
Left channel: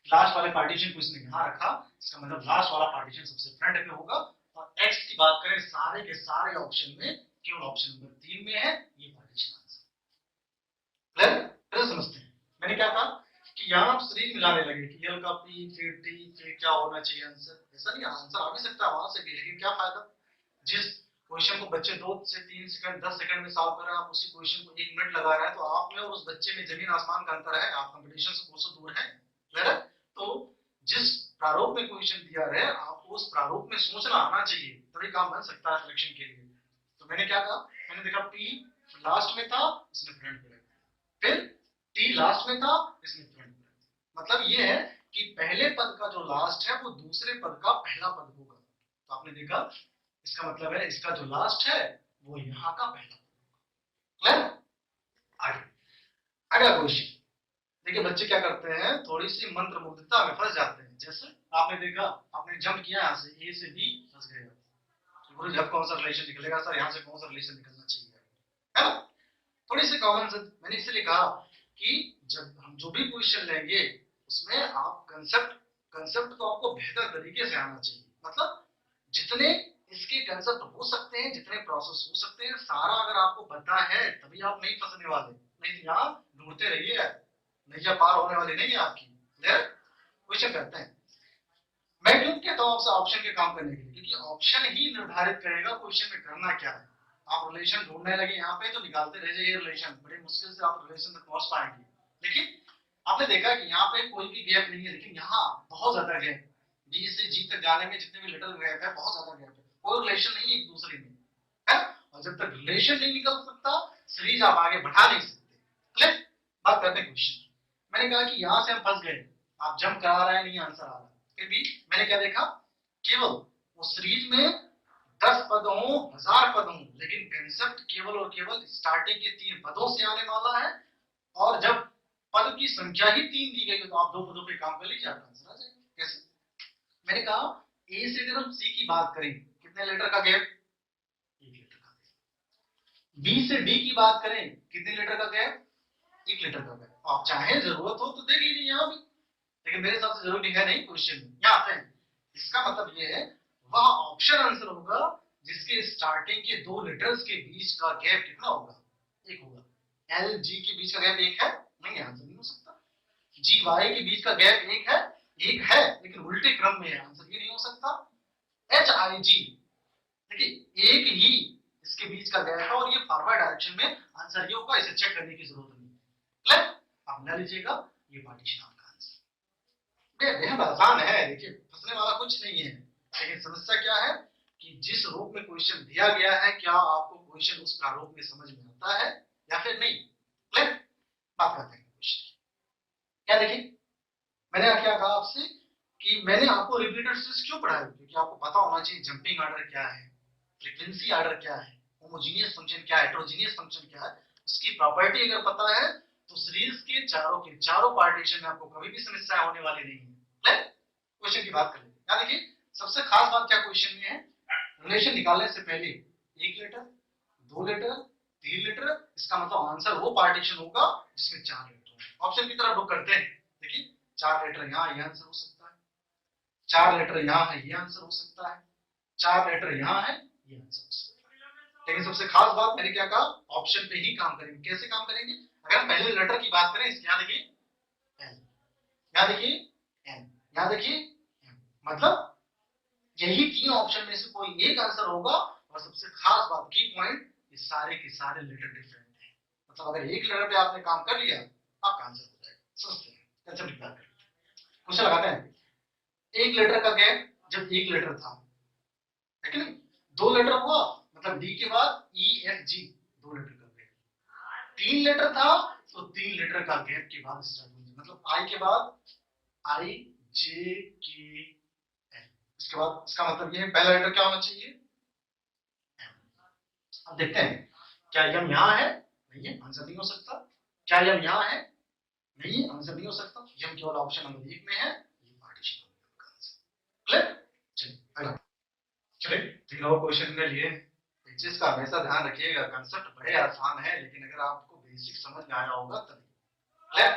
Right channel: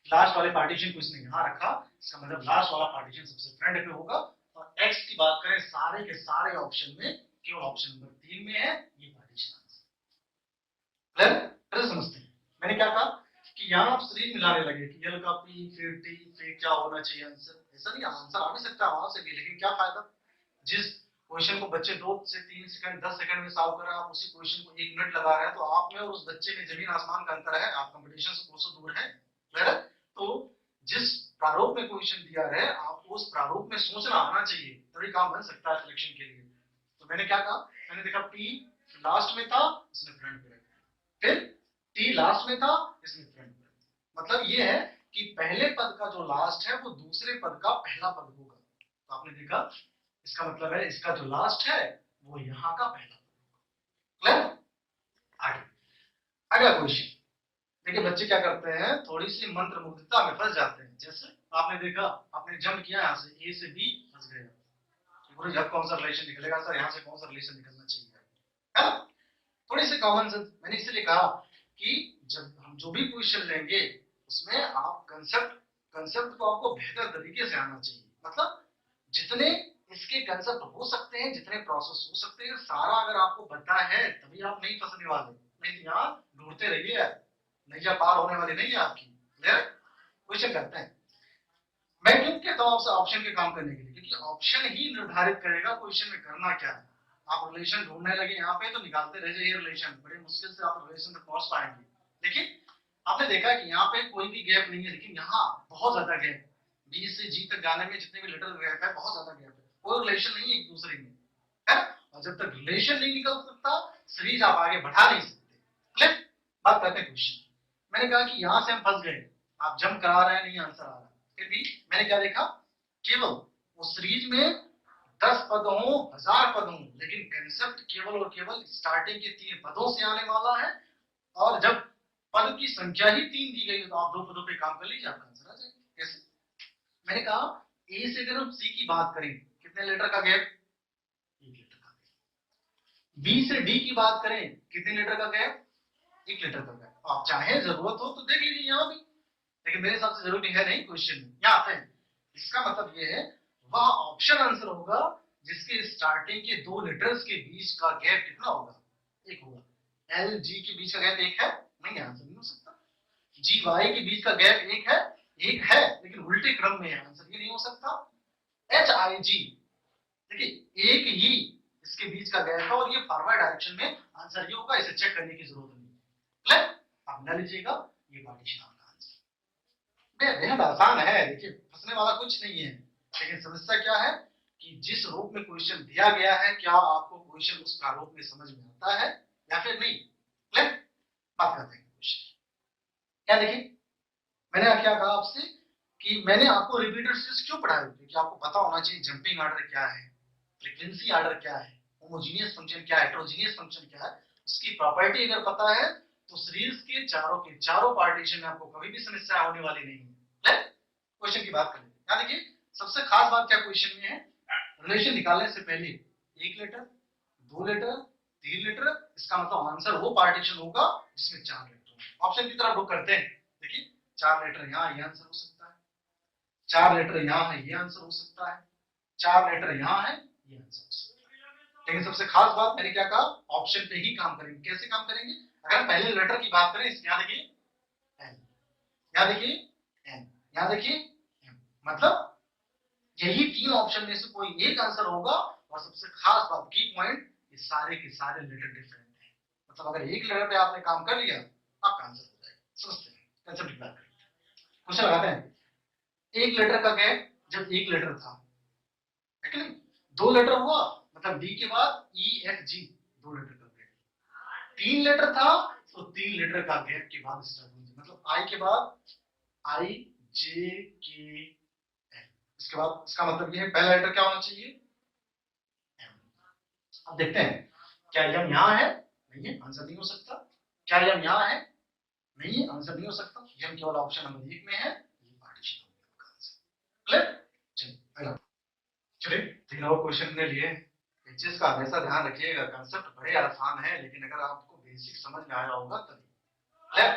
लास्ट वाले पार्टीशन को इसने यहाँ रखा, इसका मतलब लास्ट वाला पार्टीशन सबसे फ्रंट पे होगा। और एक्स की बात करें, सारे के सारे ऑप्शन में केवल ऑप्शन नंबर 3 में है ये पार्टीशन आंसर। क्लियर। समझते हैं मैंने क्या कहा कि यहाँ आप सीरीज मिलाने लगे कि यल का पी फिर टी फिर क्या होना चाहिए आंसर। ऐसा नहीं, आंसर आ भी सकता है वहां से भी, लेकिन क्या फायदा। जिस क्वेश्चन को बच्चे 2 से 3 सेकंड 10 सेकंड में सॉल्व कर रहे हैं, आप उसी क्वेश्चन को 1 मिनट लगा रहे हैं, तो आप में और उस बच्चे में जमीन आसमान का अंतर है। आप कंपटीशन से कोसों दूर है। क्लियर। तो जिस प्रारूप में क्वेश्चन दिया है आपको उस प्रारूप में सोचना आना चाहिए, तभी काम बन सकता है सिलेक्शन के लिए। तो मैंने क्या कहा, मैंने देखा पी लास्ट में था, इसने फ्रंट पे रखा। फिर टी लास्ट में था, इसने फ्रंट पे। मतलब ये है कि पहले पद का जो लास्ट है वो दूसरे पद का पहला पद होगा। तो आपने देखा, इसका मतलब है इसका जो लास्ट है वो यहाँ का पहला पद। क्लियर। आगे अगला क्वेश्चन देखिए, बच्चे क्या करते हैं, थोड़ी सी मंत्र मुग्धता में फंस जाते हैं। जैसे आपने देखा, आपने जंप किया यहाँ से ए से बी, फंस गए। गुरु जब कौन सा रिलेशन निकलेगा सर, यहाँ से कौन सा रिलेशन निकलना चाहिए, है ना। थोड़ी सी कॉमन सेंस, मैंने इसलिए कहा कि जब हम जो भी क्वेश्चन लेंगे उसमें आप कंसेप्ट को आपको बेहतर तरीके से आना चाहिए। मतलब जितने इसके कंसेप्ट हो सकते हैं, जितने प्रोसेस हो सकते हैं, सारा अगर आपको पता है तभी आप नहीं फंसने वाले। नहीं तो यहाँ ढूंढते रहिए, नैया पार होने वाली नहीं है आपकी। क्लियर। क्वेश्चन करते हैं। मैं क्यों कहता हूं आपसे ऑप्शन के काम करने के लिए, क्योंकि ऑप्शन ही निर्धारित करेगा क्वेश्चन में करना क्या है। आप रिलेशन ढूंढने लगे यहाँ पे तो निकालते रह जाइए रिलेशन, बड़े मुश्किल से आप रिलेशन तक पहुंच पाएंगे। लेकिन आपने देखा कि यहाँ पे कोई भी गैप नहीं है, लेकिन यहाँ बहुत ज्यादा गैप, बी से जी तक जाने में जितने भी लिटिल गैप है, बहुत ज्यादा गैप है, कोई रिलेशन नहीं है एक दूसरे में, है। और जब तक रिलेशन नहीं निकल सकता, सीरीज आप आगे बढ़ा नहीं सकते। क्लियर। बात करते हैं क्वेश्चन। मैंने कहा कि यहां से हम फंस गए, आप जंप करा रहे हैं, नहीं आंसर आ रहा। फिर भी मैंने क्या देखा, केवल वो सीरीज में 10 पद हो, 1000 पद हो, लेकिन कंसेप्ट केवल और केवल स्टार्टिंग के 3 पदों से आने वाला है। और जब पद की संख्या ही 3 दी गई तो आप 2 पदों पे काम कर लीजिए, आपका आंसर आ जाएगा। कैसे? मैंने कहा ए से अगर हम सी की बात करें, कितने लेटर का गैप? 1 लीटर का गैप। बी से डी की बात करें, कितने लीटर का गैप? 1 लीटर का गैप। आप चाहे जरूरत हो तो देख लीजिए यहाँ भी, लेकिन मेरे हिसाब से जरूरी है नहीं क्वेश्चन में। यहाँ आते हैं, इसका मतलब ये है वह ऑप्शन आंसर होगा जिसके स्टार्टिंग के 2 लेटर्स के बीच का गैप कितना होगा? 1 होगा। एल जी के बीच का गैप 1 है? नहीं, आंसर नहीं हो सकता। जी वाई के बीच का गैप 1 है? 1 है, लेकिन उल्टे क्रम में है, आंसर ये नहीं हो सकता। एच आई जी, देखिए एक ही इसके बीच का गैप है और ये फॉरवर्ड डायरेक्शन में, आंसर ये होगा, इसे चेक करने की जरूरत नहीं। क्लियर? आप मिला लीजिएगा, ये पार्टीशन आपका आंसर। बेहद आसान है, देखिए फंसने वाला कुछ नहीं है। लेकिन समस्या क्या है कि जिस रूप में क्वेश्चन दिया गया है, क्या आपको क्वेश्चन उस प्रारूप में समझ में आता है या फिर नहीं? क्लियर? बात करते हैं क्वेश्चन क्या। देखिए मैंने क्या कहा आपसे कि मैंने आपको रिपीटेड सीरीज क्यों पढ़ाया, क्योंकि आपको पता होना चाहिए जंपिंग ऑर्डर क्या है, फ्रीक्वेंसी ऑर्डर क्या है, होमोजीनियस फंक्शन क्या है, हेटेरोजीनियस फंक्शन क्या है, उसकी प्रॉपर्टी अगर पता है तो सीरीज के चारों पार्टीशन में आपको कभी भी समस्या होने वाली नहीं है। क्वेश्चन की बात कर लेते हैं। देखिए सबसे खास बात क्या क्वेश्चन में है, रिलेशन निकालने से पहले 1 लीटर, 2 लीटर, 3 लीटर, इसका मतलब आंसर वो पार्टीशन होगा जिसमें 4 लीटर। ऑप्शन की तरफ रुक करते हैं। देखिए 4 लीटर यहाँ, ये आंसर हो सकता है। 4 लीटर यहाँ है, ये आंसर हो सकता है। 4 लीटर यहाँ है, ये आंसर हो सकता है। लेकिन सबसे खास बात मैंने क्या कहा, ऑप्शन पे ही काम करेंगे। कैसे काम करेंगे? अगर पहले लेटर की बात करें, यहाँ देखिए एल, यहाँ देखिए एन, यहाँ देखिए एम, मतलब यही 3 ऑप्शन में से कोई एक आंसर होगा। और सबसे खास बात की पॉइंट, ये सारे के सारे लेटर डिफरेंट है। मतलब अगर एक लेटर पे आपने काम कर लिया, आपका आंसर हो जाएगा। समझते हैं, कंसेप्ट की बात करते हैं, क्वेश्चन लगाते हैं। 1 लीटर का गैप जब 1 लीटर था, है कि नहीं? 2 लीटर हुआ, मतलब डी के बाद ई एफ जी, 2 लीटर का गैप। 3 लीटर था तो 3 लीटर का गैप के बाद स्टार्ट होगी, मतलब आई के बाद आई जे के एल, इसके बाद इसका मतलब ये है पहला लीटर क्या होना चाहिए? एम। अब देखते हैं क्या यम यहाँ है? नहीं है, आंसर नहीं हो सकता। क्या यम यहाँ है? नहीं है, आंसर नहीं हो सकता। यम केवल ऑप्शन नंबर 1 में है, ये पार्टीशन हो गया आपका आंसर। क्लियर? चलिए अगला, चलिए ठीक है। क्वेश्चन के लिए इस चीज का हमेशा ध्यान रखिएगा, कंसेप्ट बड़े आसान है, लेकिन अगर आपको बेसिक समझ में आया होगा तभी। क्लियर?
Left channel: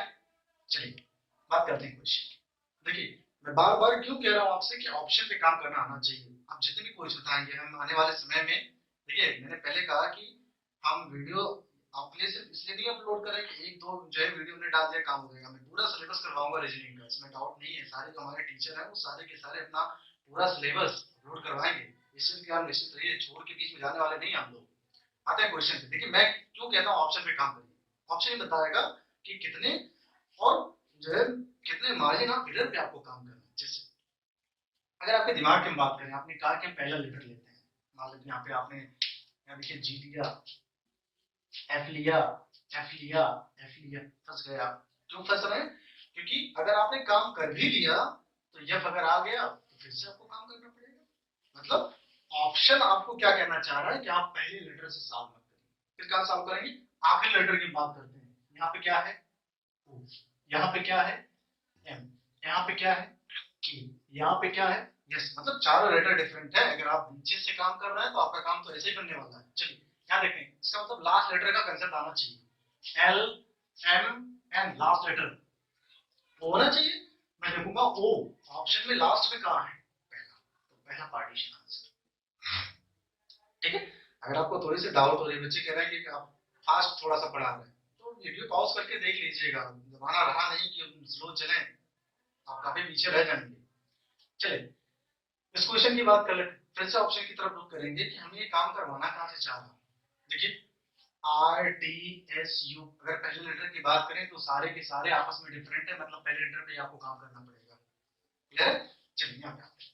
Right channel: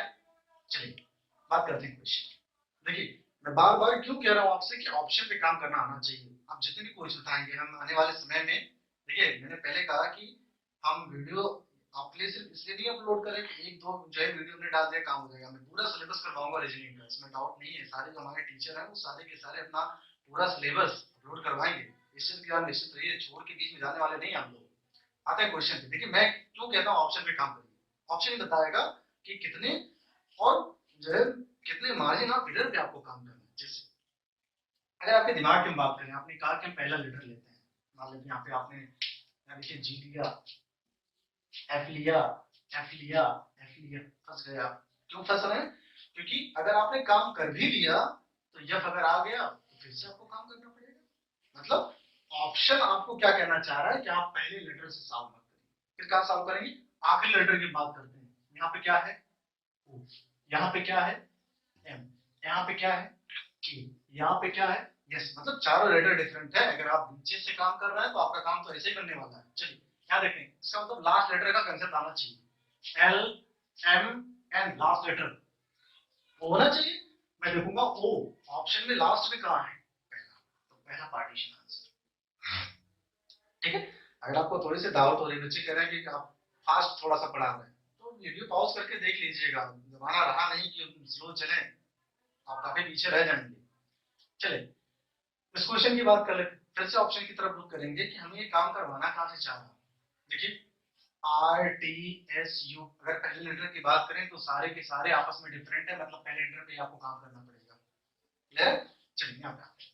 चलिए बात करते हैं क्वेश्चन। देखिए मैं बार बार क्यों कह रहा हूँ आपसे कि ऑप्शन पे काम करना आना चाहिए। आप जितने भी क्वेश्चन बताएंगे हम आने वाले समय में, देखिए मैंने पहले कहा कि हम वीडियो आपके लिए सिर्फ इसलिए नहीं अपलोड करें कि 1-2 जो है वीडियो में डाल दिया काम हो जाएगा। मैं पूरा सिलेबस करवाऊंगा रीजनिंग का, इसमें डाउट नहीं है। सारे जो हमारे टीचर हैं वो सारे के सारे अपना पूरा सिलेबस अपलोड करवाएंगे। इस चीज के आप निश्चित रहिए, छोड़ के बीच में जाने वाले नहीं हम लोग। आते हैं क्वेश्चन पे। देखिए मैं क्यों कहता हूँ ऑप्शन पे काम करिए। ऑप्शन ही बताएगा कि कितने और जो है कितने मार्जिन ऑफ एरर पे आपको काम करना है। जैसे अगर आपके दिमाग की हम बात करें, आपने कहा कि हम पहला लेटर लेते हैं, मान लीजिए यहाँ पे आपने यहाँ देखिए जी लिया, एफ लिया, एफ लिया, एफ लिया, फंस गए आप। क्यों फंस रहे हैं? क्योंकि अगर आपने काम कर भी लिया तो यफ अगर आ गया तो फिर से आपको काम करना पड़ेगा। मतलब ऑप्शन आपको क्या कहना चाह रहा है कि आप पहले लेटर से सॉल्व मत करिए, फिर क्या सॉल्व करेंगे? आखिरी लेटर की बात करते हैं। यहाँ पे क्या है? ओ। यहाँ पे क्या है? एम। यहाँ पे क्या है? के। यहाँ पे क्या है? यस। मतलब चारों लेटर डिफरेंट है। अगर आप नीचे से काम कर रहे हैं तो आपका काम तो ऐसे ही करने वाला है। चलिए क्या देखें, इसका मतलब लास्ट लेटर का कंसेप्ट आना चाहिए। L M N, last letter होना चाहिए। मैं देखूंगा ओ, ऑप्शन में लास्ट में कहा है? पहला, तो पहला पार्टीशन आंसर। ठीक है। अगर आपको थोड़ी सी दावत हो रही है, बच्चे कह रहे हैं कि आप फास्ट थोड़ा सा पढ़ा रहे हैं, तो वीडियो पॉज करके देख लीजिएगा। जमाना रहा नहीं कि स्लो चले, आप काफी पीछे रह जाएंगे। चलिए इस क्वेश्चन की बात कर लेते हैं, फिर से ऑप्शन की तरफ रुख करेंगे कि हमें ये काम करवाना कहां से चाह रहा है। देखिए आर टी एस यू, अगर पहले लेटर की बात करें तो सारे के सारे आपस में डिफरेंट है, मतलब पहले लेटर पे आपको काम करना पड़ेगा। क्लियर? चलिए यहाँ पे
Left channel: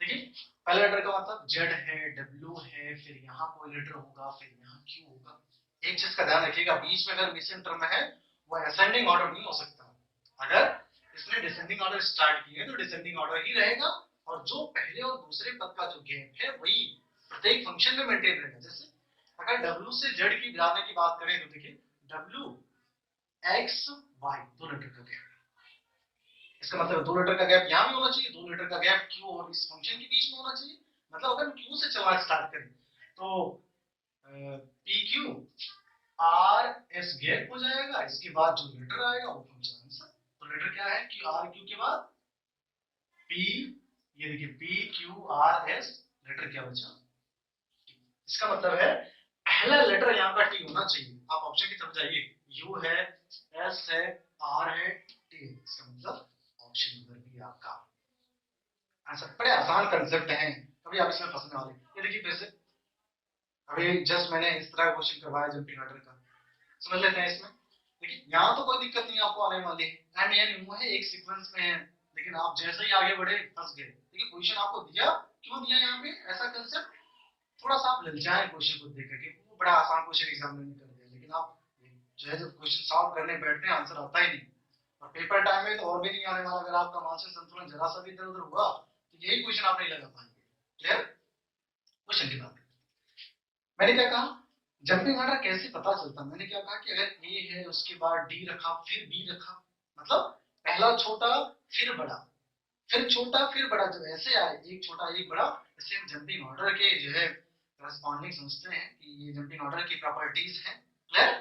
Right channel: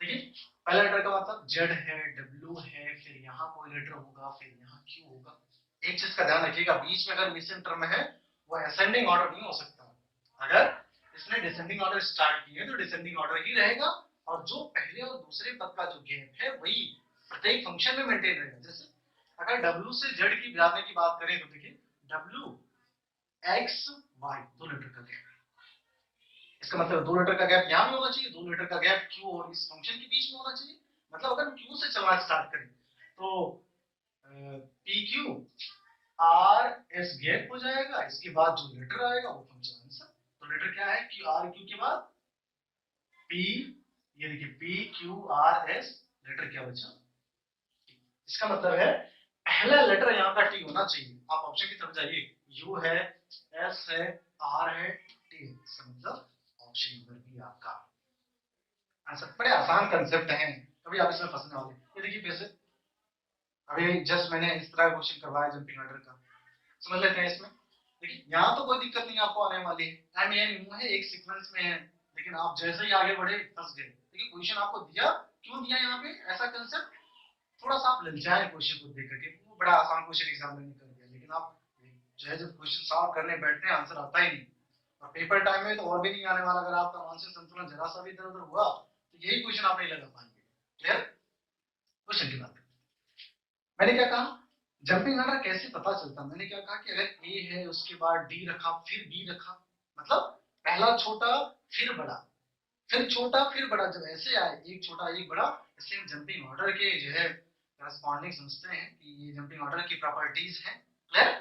देखिए पहले लेटर का मतलब जेड है, डब्ल्यू है, फिर यहाँ कोई लेटर होगा, फिर यहाँ क्यू होगा। एक चीज का ध्यान रखिएगा, बीच में अगर मिसिंग टर्म है वो असेंडिंग ऑर्डर नहीं हो सकता। अगर इसने डिसेंडिंग ऑर्डर स्टार्ट किए तो डिसेंडिंग ऑर्डर ही रहेगा, और जो पहले और दूसरे पद का जो गैप है वही प्रत्येक फंक्शन में मेंटेन रहेगा। जैसे अगर w से z की जाने की बात करें तो देखिए w x y 2 लेटर का गैप, इसका मतलब 2 लेटर का गैप यहाँ भी होना चाहिए, 2 लेटर का गैप q और इस फंक्शन के बीच में होना चाहिए। मतलब अगर q से चलना स्टार्ट करें तो P Q R S gap हो जाएगा, इसके बाद जो लेटर आएगा वो फंक्शन आंसर। तो लेटर क्या है, क्यू आर क्यू के बाद पी, ये देखिए P Q R S, letter क्या बचा, इसका मतलब है पहला लेटर यहाँ का टी होना चाहिए। आप ऑप्शन की तरफ जाइए, यू है, एस है, आर है, टी, इसका मतलब ऑप्शन नंबर बी आपका आंसर। बड़े आसान कंसेप्ट हैं, कभी आप इसमें फंसने वाले। ये देखिए फिर से अभी जस्ट मैंने इस तरह क्वेश्चन करवाया जंपिंग ऑर्डर का, समझ लेते हैं इसमें। देखिए यहाँ तो कोई दिक्कत नहीं आपको आने वाली, एम एन यू है, एक सीक्वेंस में है, लेकिन आप जैसे ही आगे बढ़े फंस गए। देखिए क्वेश्चन आपको दिया, क्यों दिया यहाँ पे ऐसा कंसेप्ट, थोड़ा सा आप ललचाए क्वेश्चन को देख करके, वो बड़ा आसान क्वेश्चन एग्जाम में कर दिया, लेकिन आप जो है जब क्वेश्चन सॉल्व करने बैठते हैं आंसर आता ही नहीं, और पेपर टाइम में तो और भी नहीं आने वाला। अगर आपका मानसिक संतुलन जरा सा भी इधर उधर हुआ तो यही क्वेश्चन आप नहीं लगा पाएंगे। क्लियर, क्वेश्चन की बात मैंने क्या कहा, जंपिंग ऑर्डर कैसे पता चलता, मैंने क्या कहा कि अगर ए है उसके बाद डी रखा फिर बी रखा, मतलब पहला छोटा फिर बड़ा, फिर छोटा फिर बड़ा, जब ऐसे आए एक छोटा एक बड़ा, इससे हम जंपिंग ऑर्डर के जो है करस्पॉन्डिंग समझते हैं कि ये जंपिंग ऑर्डर की प्रॉपर्टीज है। क्लियर,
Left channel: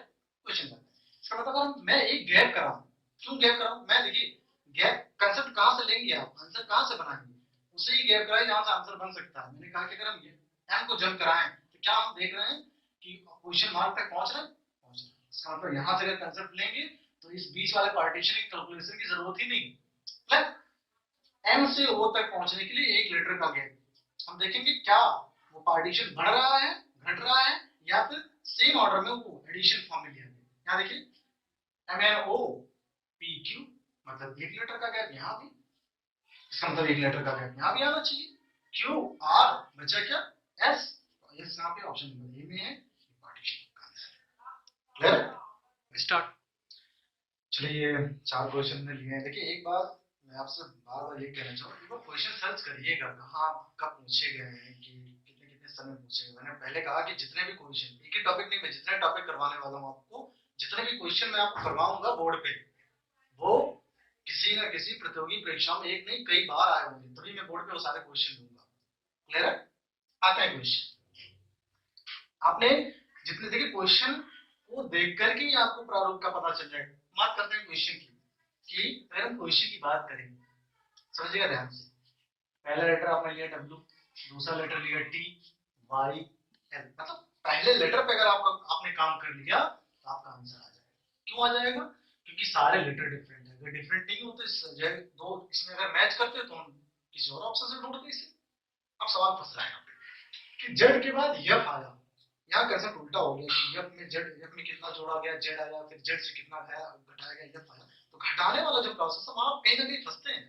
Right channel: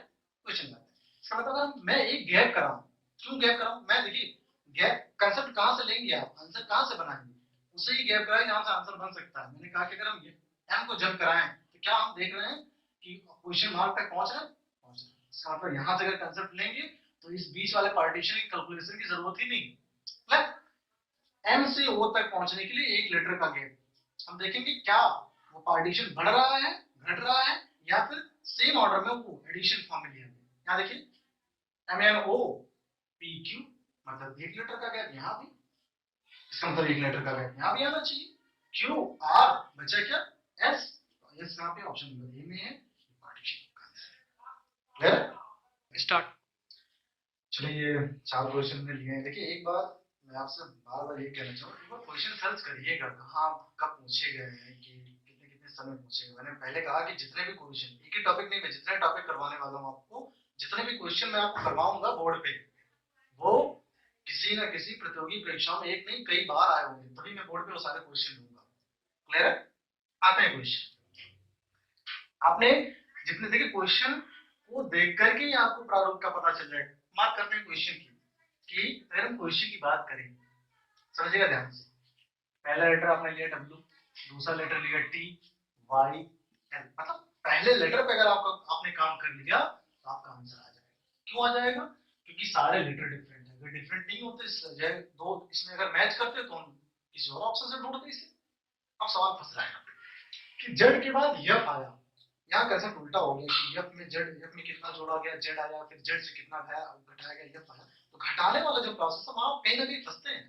क्वेश्चन का इसका मतलब मैं एक गैप कराऊं, क्यों गैप कराऊं, मैं देखिए गैप कंसेप्ट कहां से लेंगे, आप आंसर कहां से बनाएंगे, उसे ही गैप कराए जहां से आंसर बन सकता है। मैंने कहा कि अगर हम एम को जंप कराएं तो क्या हम देख रहे हैं कि क्वेश्चन मार्क तक पहुंच रहे हैं, इसका मतलब यहां से अगर कंसेप्ट लेंगे तो इस बीच वाले पार्टीशन की कैलकुलेशन की जरूरत ही नहीं। एम से ओ तक पहुंचने के लिए एक लेटर का गैप, हम देखेंगे क्या वो पार्टीशन बढ़ रहा है, घट रहा है, या फिर सेम ऑर्डर में वो एडिशन फॉर्म में लिया गया। यहाँ देखिए M N O P Q, मतलब एक लेटर का गैप यहाँ भी, इसका मतलब एक लेटर का गैप यहाँ भी आना चाहिए। क्यू आर बचा क्या, एस, तो एस यहाँ पे ऑप्शन नंबर ए में है, पार्टीशन का आंसर। Clear, start. चलिए ये 4 क्वेश्चन ने लिए हैं। देखिए एक बार मैं आपसे बार बार ये कहना चाहूंगा, एक बार क्वेश्चन सर्च करिएगा कहाँ कब पूछे गए हैं, कि कितने कितने समय पूछे गए। मैंने पहले कहा कि जितने भी क्वेश्चन, एक ही टॉपिक नहीं, मैं जितने टॉपिक करवाने वाला हूँ आपको, जितने भी क्वेश्चन मैं आपको करवाऊंगा बोर्ड पे, वो किसी न किसी प्रतियोगी परीक्षा में एक नहीं कई बार आए होंगे, तभी मैं बोर्ड पे वो सारे क्वेश्चन दूंगा। क्लियर है, आते हैं क्वेश्चन। आपने जितने देखिए क्वेश्चन वो देख करके ही आपको प्रारूप का पता चल जाएगा। बात करते हैं क्वेश्चन की, कि अगर हम क्वेश्चन की बात करें, समझिएगा ध्यान से, पहला लेटर आपने लिया W, दूसरा लेटर लिया T, Y, L, मतलब पहले लेटर पे अगर आपने काम कर लिया तो आपका आंसर आ जाएगा। क्यों आ जाएगा, क्योंकि सारे लेटर डिफरेंट है, अगर डिफरेंट नहीं होते दो इसमें अगर मैच करते तो हम किसी और ऑप्शन से ढूंढते इसे। अब सवाल फंस रहा है कि जेड के बाद यफ आया, यहाँ कैसे उल्टा हो गया कि यफ में जेड, यफ में कितना जोड़ा गया, जेड आया, फिर जेड से कितना घटाया गया, यफ आया। तो घटाने वाला जो प्रोसेस है वहां कहीं ना कहीं फंसते हैं,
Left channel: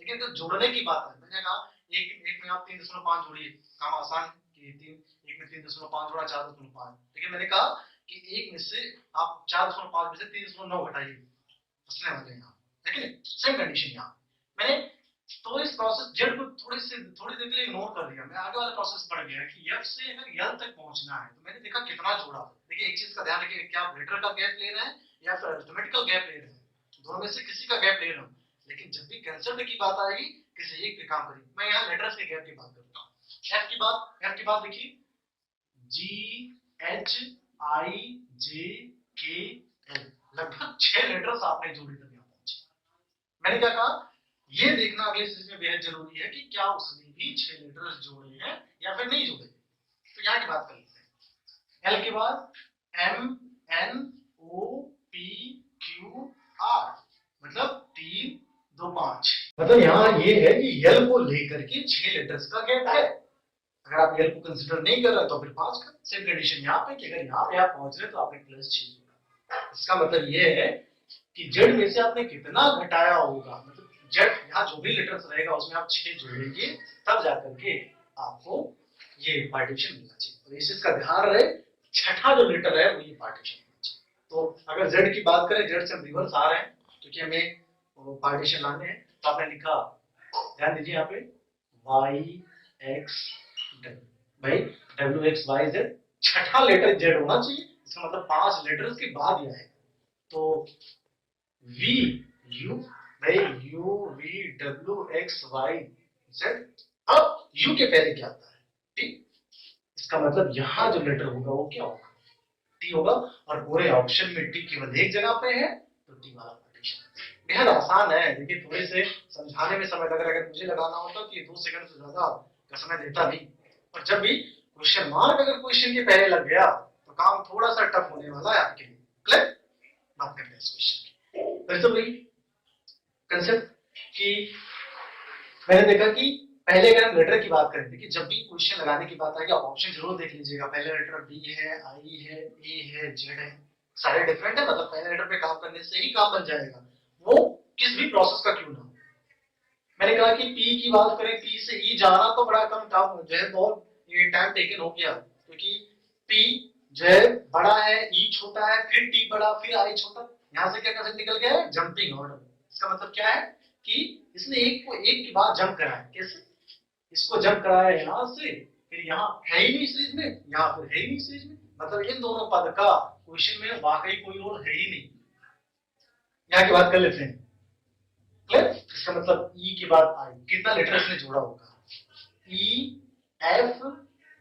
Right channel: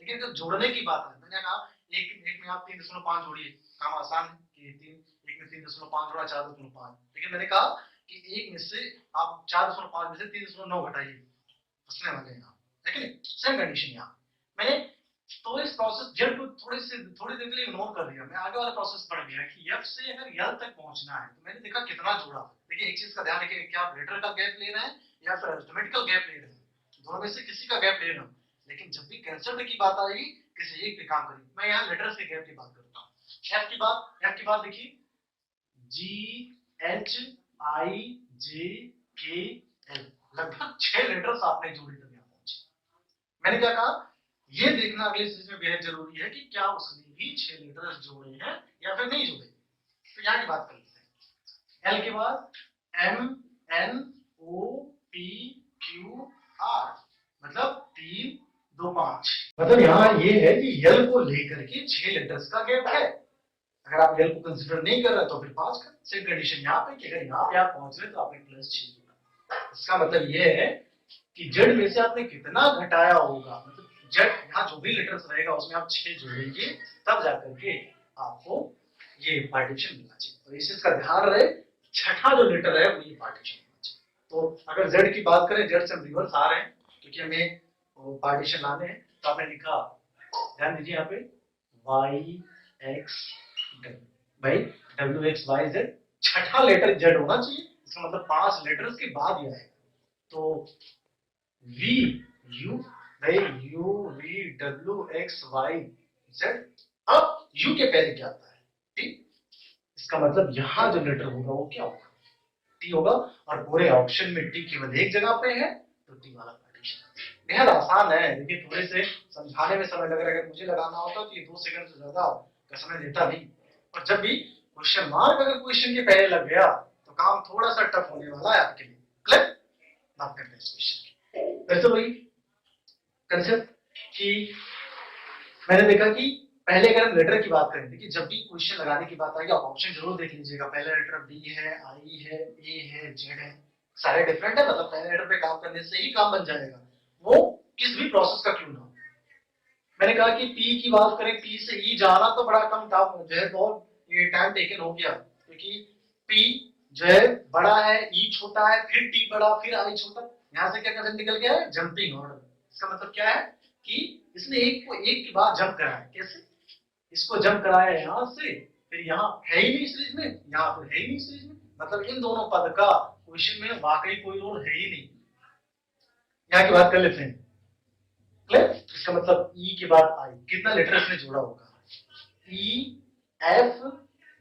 लेकिन जब जोड़ने की बात है, मैंने कहा एक में आप 3.5 जोड़िए, काम आसान है कि एक में 3.5 जोड़ा 4.5, लेकिन मैंने कहा कि एक में से आप 4.5 में से 3.9 घटाइए, फंसने वाले हैं आप, लेकिन सेम कंडीशन यहाँ मैंने, तो इस प्रोसेस जेड को थोड़ी देर के लिए इग्नोर कर दिया, मैं आगे वाला प्रोसेस पढ़ गया कि एफ से अगर यल तक पहुंचना है तो मैंने देखा कितना जोड़ा। देखिए एक चीज का ध्यान रखिए, क्या आप लेटर का गैप ले रहे हैं या फिर अरिथमेटिकल गैप ले रहे हैं, दोनों में से किसी का गैप ले रहा हूं, लेकिन जब भी कंसेप्ट की बात आएगी किसी एक पे काम करिए। मैं यहाँ लेटर्स के गैप की बात करता हूँ। एफ की बात देखिए, जी एच आई जे के एल, लगभग 6 लेटर्स आपने जोड़े तक यहाँ पहुंचे। मैंने क्या कहा, ये देखना अगले स्टेज में बेहद जरूरी है कि क्या उसने भी 6 लेटर्स जोड़े हैं या फिर नहीं जोड़े। तो यहाँ की बात कर लेते हैं। एल के बाद M N O P Q R, मतलब 3 2 5, मतलब यहाँ ये है कि एल को लेकर के 6 लेटर्स का गैप है। अगर आप एल को कंसिडर नहीं कर रहे तो फिर 5 का। सेम कंडीशन यहाँ पे कि अगर यहाँ पे आप पहुंच रहे तो आपने +6 जोड़ा। इसका मतलब ये है कि जेड में से आपने कितना घटाया होगा, मतलब जेड यहाँ जो भी लेटर्स रहेगा उसमें आप 6 जोड़ेंगे, तब जाकर के आपको ये पार्टीशन मिलना चाहिए। तो इस चीज का ध्यान रहे, छठा जो लेटर है वो ये पार्टीशन मिलना चाहिए। तो अगर जेड की बात करें, जेड से हम रिवर्स आ रहे हैं क्योंकि हमें पार्टीशन लाने हैं, तो आपने लिखा, ध्यान दीजिए यहाँ पे y x, भाई WXYZ, छठा लेटर Z होना चाहिए, इसका मतलब 5 लेटर्स के बाद ही आएगा। तो VUVWXYZ, अब U के पहले क्या आता है? T। इसका मतलब यहां जो लेटर होगा वो क्या होगा? T होगा, और पूरे ऑप्शन में T केवल एक जगह पे है, तो T वाला पार्टीशन बेहद आसान है। देखिए थोड़े से समझाने में समय लग रहा है, अगर मुझे लगाना होता तो ये 2 सेकंड से ज्यादा का समय लेता नहीं। और जब भी क्वेश्चन मार्क अगर क्वेश्चन के पहले लग गया तो काम थोड़ा सा टफ होने वाला है आपके लिए। क्लियर? बात करते हैं इस क्वेश्चन की। फिर से वही कंसेप्ट कि मैंने देखा कि पहले अगर हम लेटर की बात करें कि जब भी क्वेश्चन लगाने की बात आएगी आप ऑप्शन जरूर देख लीजिएगा। पहले लेटर बी है, आई है, ए है, जेड है, सारे डिफरेंट है, मतलब पहले लेटर पे काम करने से ही काम बन जाएगा, वो किस भी प्रोसेस का क्यों ना हो। मैंने कहा कि पी की बात करें, पी से ई जाना तो बड़ा कम टाइम जो है, बहुत ये टाइम टेकन हो गया, क्योंकि पी जो है बड़ा है, ई छोटा है, फिर टी बड़ा, फिर आई छोटा, यहां से क्या कंसेप्ट निकल गया है? Jumping order. इसका मतलब क्या है कि इसने एक को एक के बाद जंप कराया। कैसे? इसको जंप कराया यहां से, फिर यहाँ है ही नहीं सीरीज में, यहाँ फिर है ही नहीं सीरीज में, मतलब इन दोनों पद का क्वेश्चन में वाकई कोई रोल है ही नहीं। यहाँ की बात कर लेते हैं। क्लियर? इसका मतलब ई के बाद आई, कितना लेटर इसने जोड़ा होगा? E F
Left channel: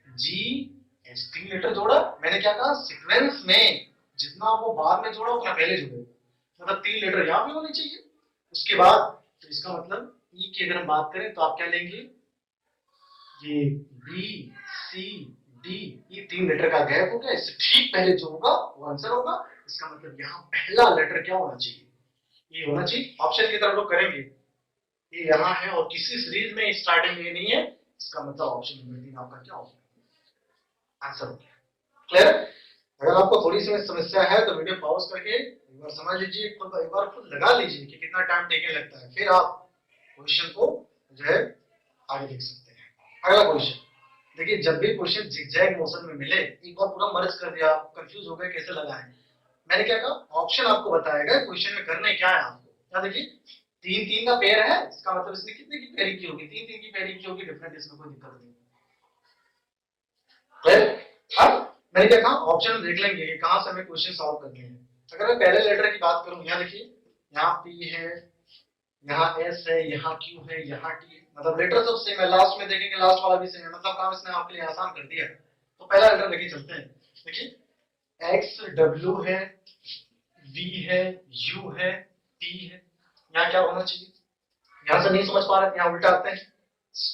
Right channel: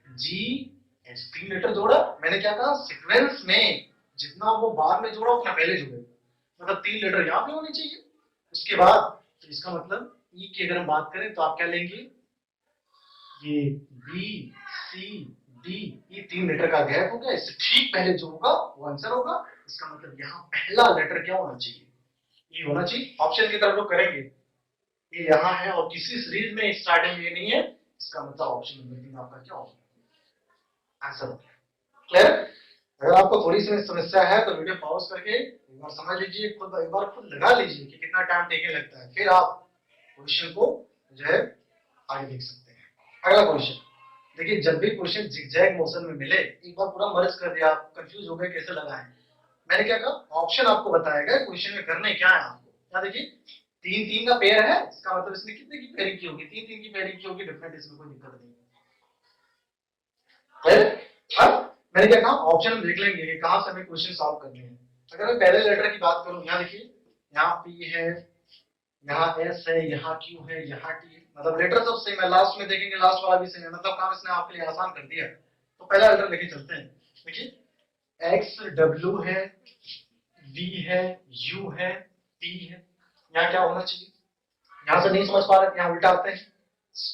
G H, 3 letter जोड़ा। मैंने क्या कहा? सीक्वेंस में जितना वो बाद में जोड़ा उतना पहले जोड़ेगा, मतलब 3 लेटर यहाँ पे होने चाहिए। उसके बाद तो इसका मतलब ई की अगर हम बात करें तो आप क्या लेंगे? ये बी सी डी, ये 3 लेटर का गैप हो गया, इससे ठीक पहले जो होगा वो आंसर होगा। इसका मतलब यहाँ पहला लेटर क्या होना चाहिए? ये होना चाहिए। ऑप्शन की तरफ लोग करेंगे, ये यहाँ है और किसी सीरीज में स्टार्टिंग में ये नहीं है, इसका मतलब ऑप्शन नंबर 3 आपका क्या होगा? आंसर हो गया। क्लियर? अगर आपको थोड़ी सी समस्या है तो वीडियो पॉज करके एक बार समझ लीजिए, खुद एक बार खुद लगा लीजिए कि कितना टाइम टेकने लगता है, फिर आप क्वेश्चन को जो है आगे देख सकते हैं। अगला क्वेश्चन देखिए, जब भी क्वेश्चन जिगजैग मोशन में मिले, एक बार पूरा मर्ज कर दिया, आप कंफ्यूज हो गए कैसे लगाएं, मैंने क्या कहा? ऑप्शन आपको बताएगा क्वेश्चन में करने क्या है आपको। क्या देखिए, 3 3 का पेयर है, इसका मतलब इसने कितने की पेयरिंग की होगी? 3 3 की पेयरिंग की होगी, डिफरेंट, इसमें कोई दिक्कत नहीं। अब मैंने क्या कहा? ऑप्शन देख लेंगे कि कहां से हमें क्वेश्चन सॉल्व करने हैं। अगर मैं पहले लेटर की बात करूं, यहाँ देखिए, यहाँ पी है, यहाँ एस है, यहाँ क्यू है, यहाँ टी है, मतलब लेटर सब सेम है। लास्ट में देखेंगे लास्ट वाला भी सेम है, मतलब काम इसने आपके लिए आसान कर दिया। तो पहला लेटर लेके चलते हैं। देखिए एक्स डब्ल्यू है, वी है, यू है, टी है, यहाँ क्या होना चाहिए? यहां से नहीं समझ पा रहे, यहाँ उल्टा आते हैं,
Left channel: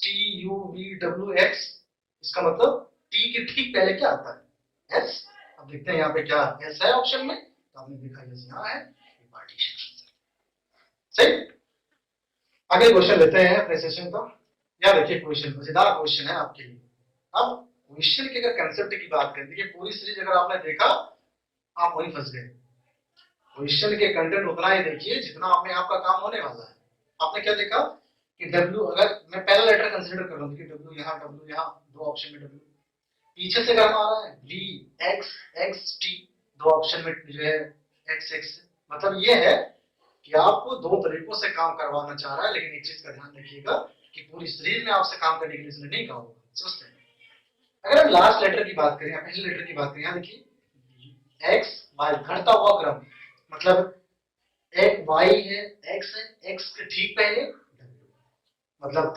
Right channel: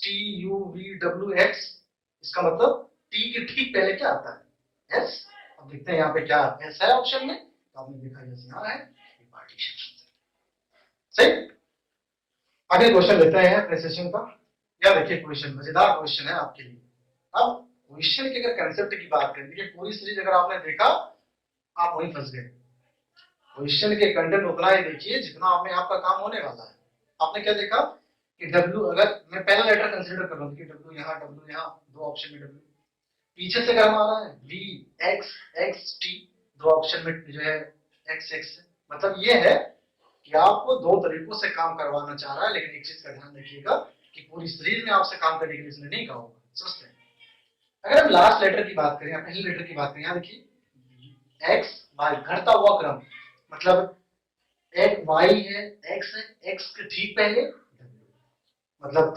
T U V W x, इसका मतलब टी के ठीक पहले क्या आता है? एस। अब देखते हैं यहाँ पे क्या एस है ऑप्शन में, तो आपने देखा एस यहाँ है, पार्टीशन। सही। आगे क्वेश्चन लेते हैं प्रेसिशन का। या देखिए क्वेश्चन मजेदार क्वेश्चन है आपके लिए। अब क्वेश्चन की अगर कंसेप्ट की बात करें, देखिए पूरी सीरीज अगर आपने देखा आप वहीं फंस गए। क्वेश्चन के कंटेंट उतना ही देखिए जितना आपने आपका काम होने वाला है। आपने क्या देखा कि डब्ल्यू, अगर मैं पहला लेटर कंसीडर कर रहा हूं कि डब्ल्यू यहाँ, दो ऑप्शन में डब्ल्यू, पीछे से अगर हमारा है वी एक्स एक्स टी, दो ऑप्शन में जो है एक्स एक्स, मतलब ये है कि आपको दो तरीकों से काम करवाना चाह रहा है। लेकिन एक चीज का ध्यान रखिएगा कि पूरी सीरीज में आपसे काम करने के लिए इसने नहीं कहा होगा, समझते हैं। अगर हम लास्ट लेटर की बात करें या पहले लेटर की बात करें, यहाँ देखिए एक्स वाई घटता हुआ क्रम, मतलब एक वाई है, एक्स है, एक्स के ठीक पहले डब्ल्यू, मतलब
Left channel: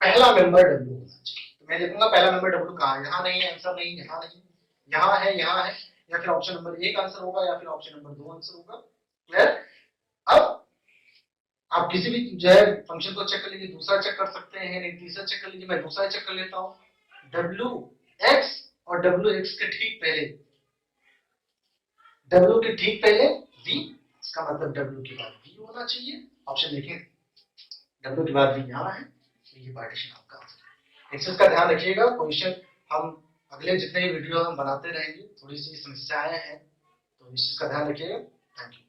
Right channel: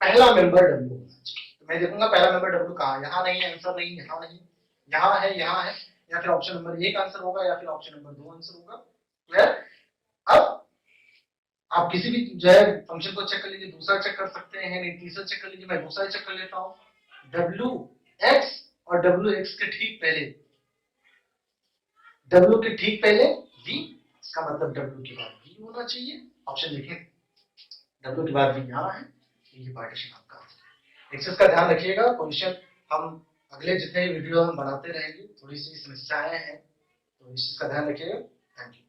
पहला मेंबर डब्ल्यू होना चाहिए। तो मैं देखूंगा पहला मेंबर डब्ल्यू कहाँ है, यहाँ नहीं है, आंसर नहीं, यहाँ नहीं, यहाँ है, यहाँ है, या फिर ऑप्शन नंबर 1 आंसर होगा या फिर ऑप्शन नंबर 2 आंसर होगा। क्लियर? अब आप किसी भी जो है फंक्शन को चेक कर लीजिए, दूसरा चेक कर सकते हैं, नहीं तीसरा चेक कर लीजिए, मैं दूसरा चेक कर लेता हूँ। डब्ल्यू एक्स और डब्ल्यू एक्स के ठीक पहले, डब्ल्यू के ठीक पहले वी, इसका मतलब डब्ल्यू के बाद वी होना चाहिए। ऑप्शन देखें, डब्ल्यू के बाद वी यहाँ है, ये पार्टीशन आपका आंसर है। एक्सेस का ध्यान रखिएगा, क्वेश्चन हम अगले जितने वीडियो हम बनाते रहेंगे, थोड़ी सी समस्याएं हैं, तो इस चीज का ध्यान रखिएगा। Thank you.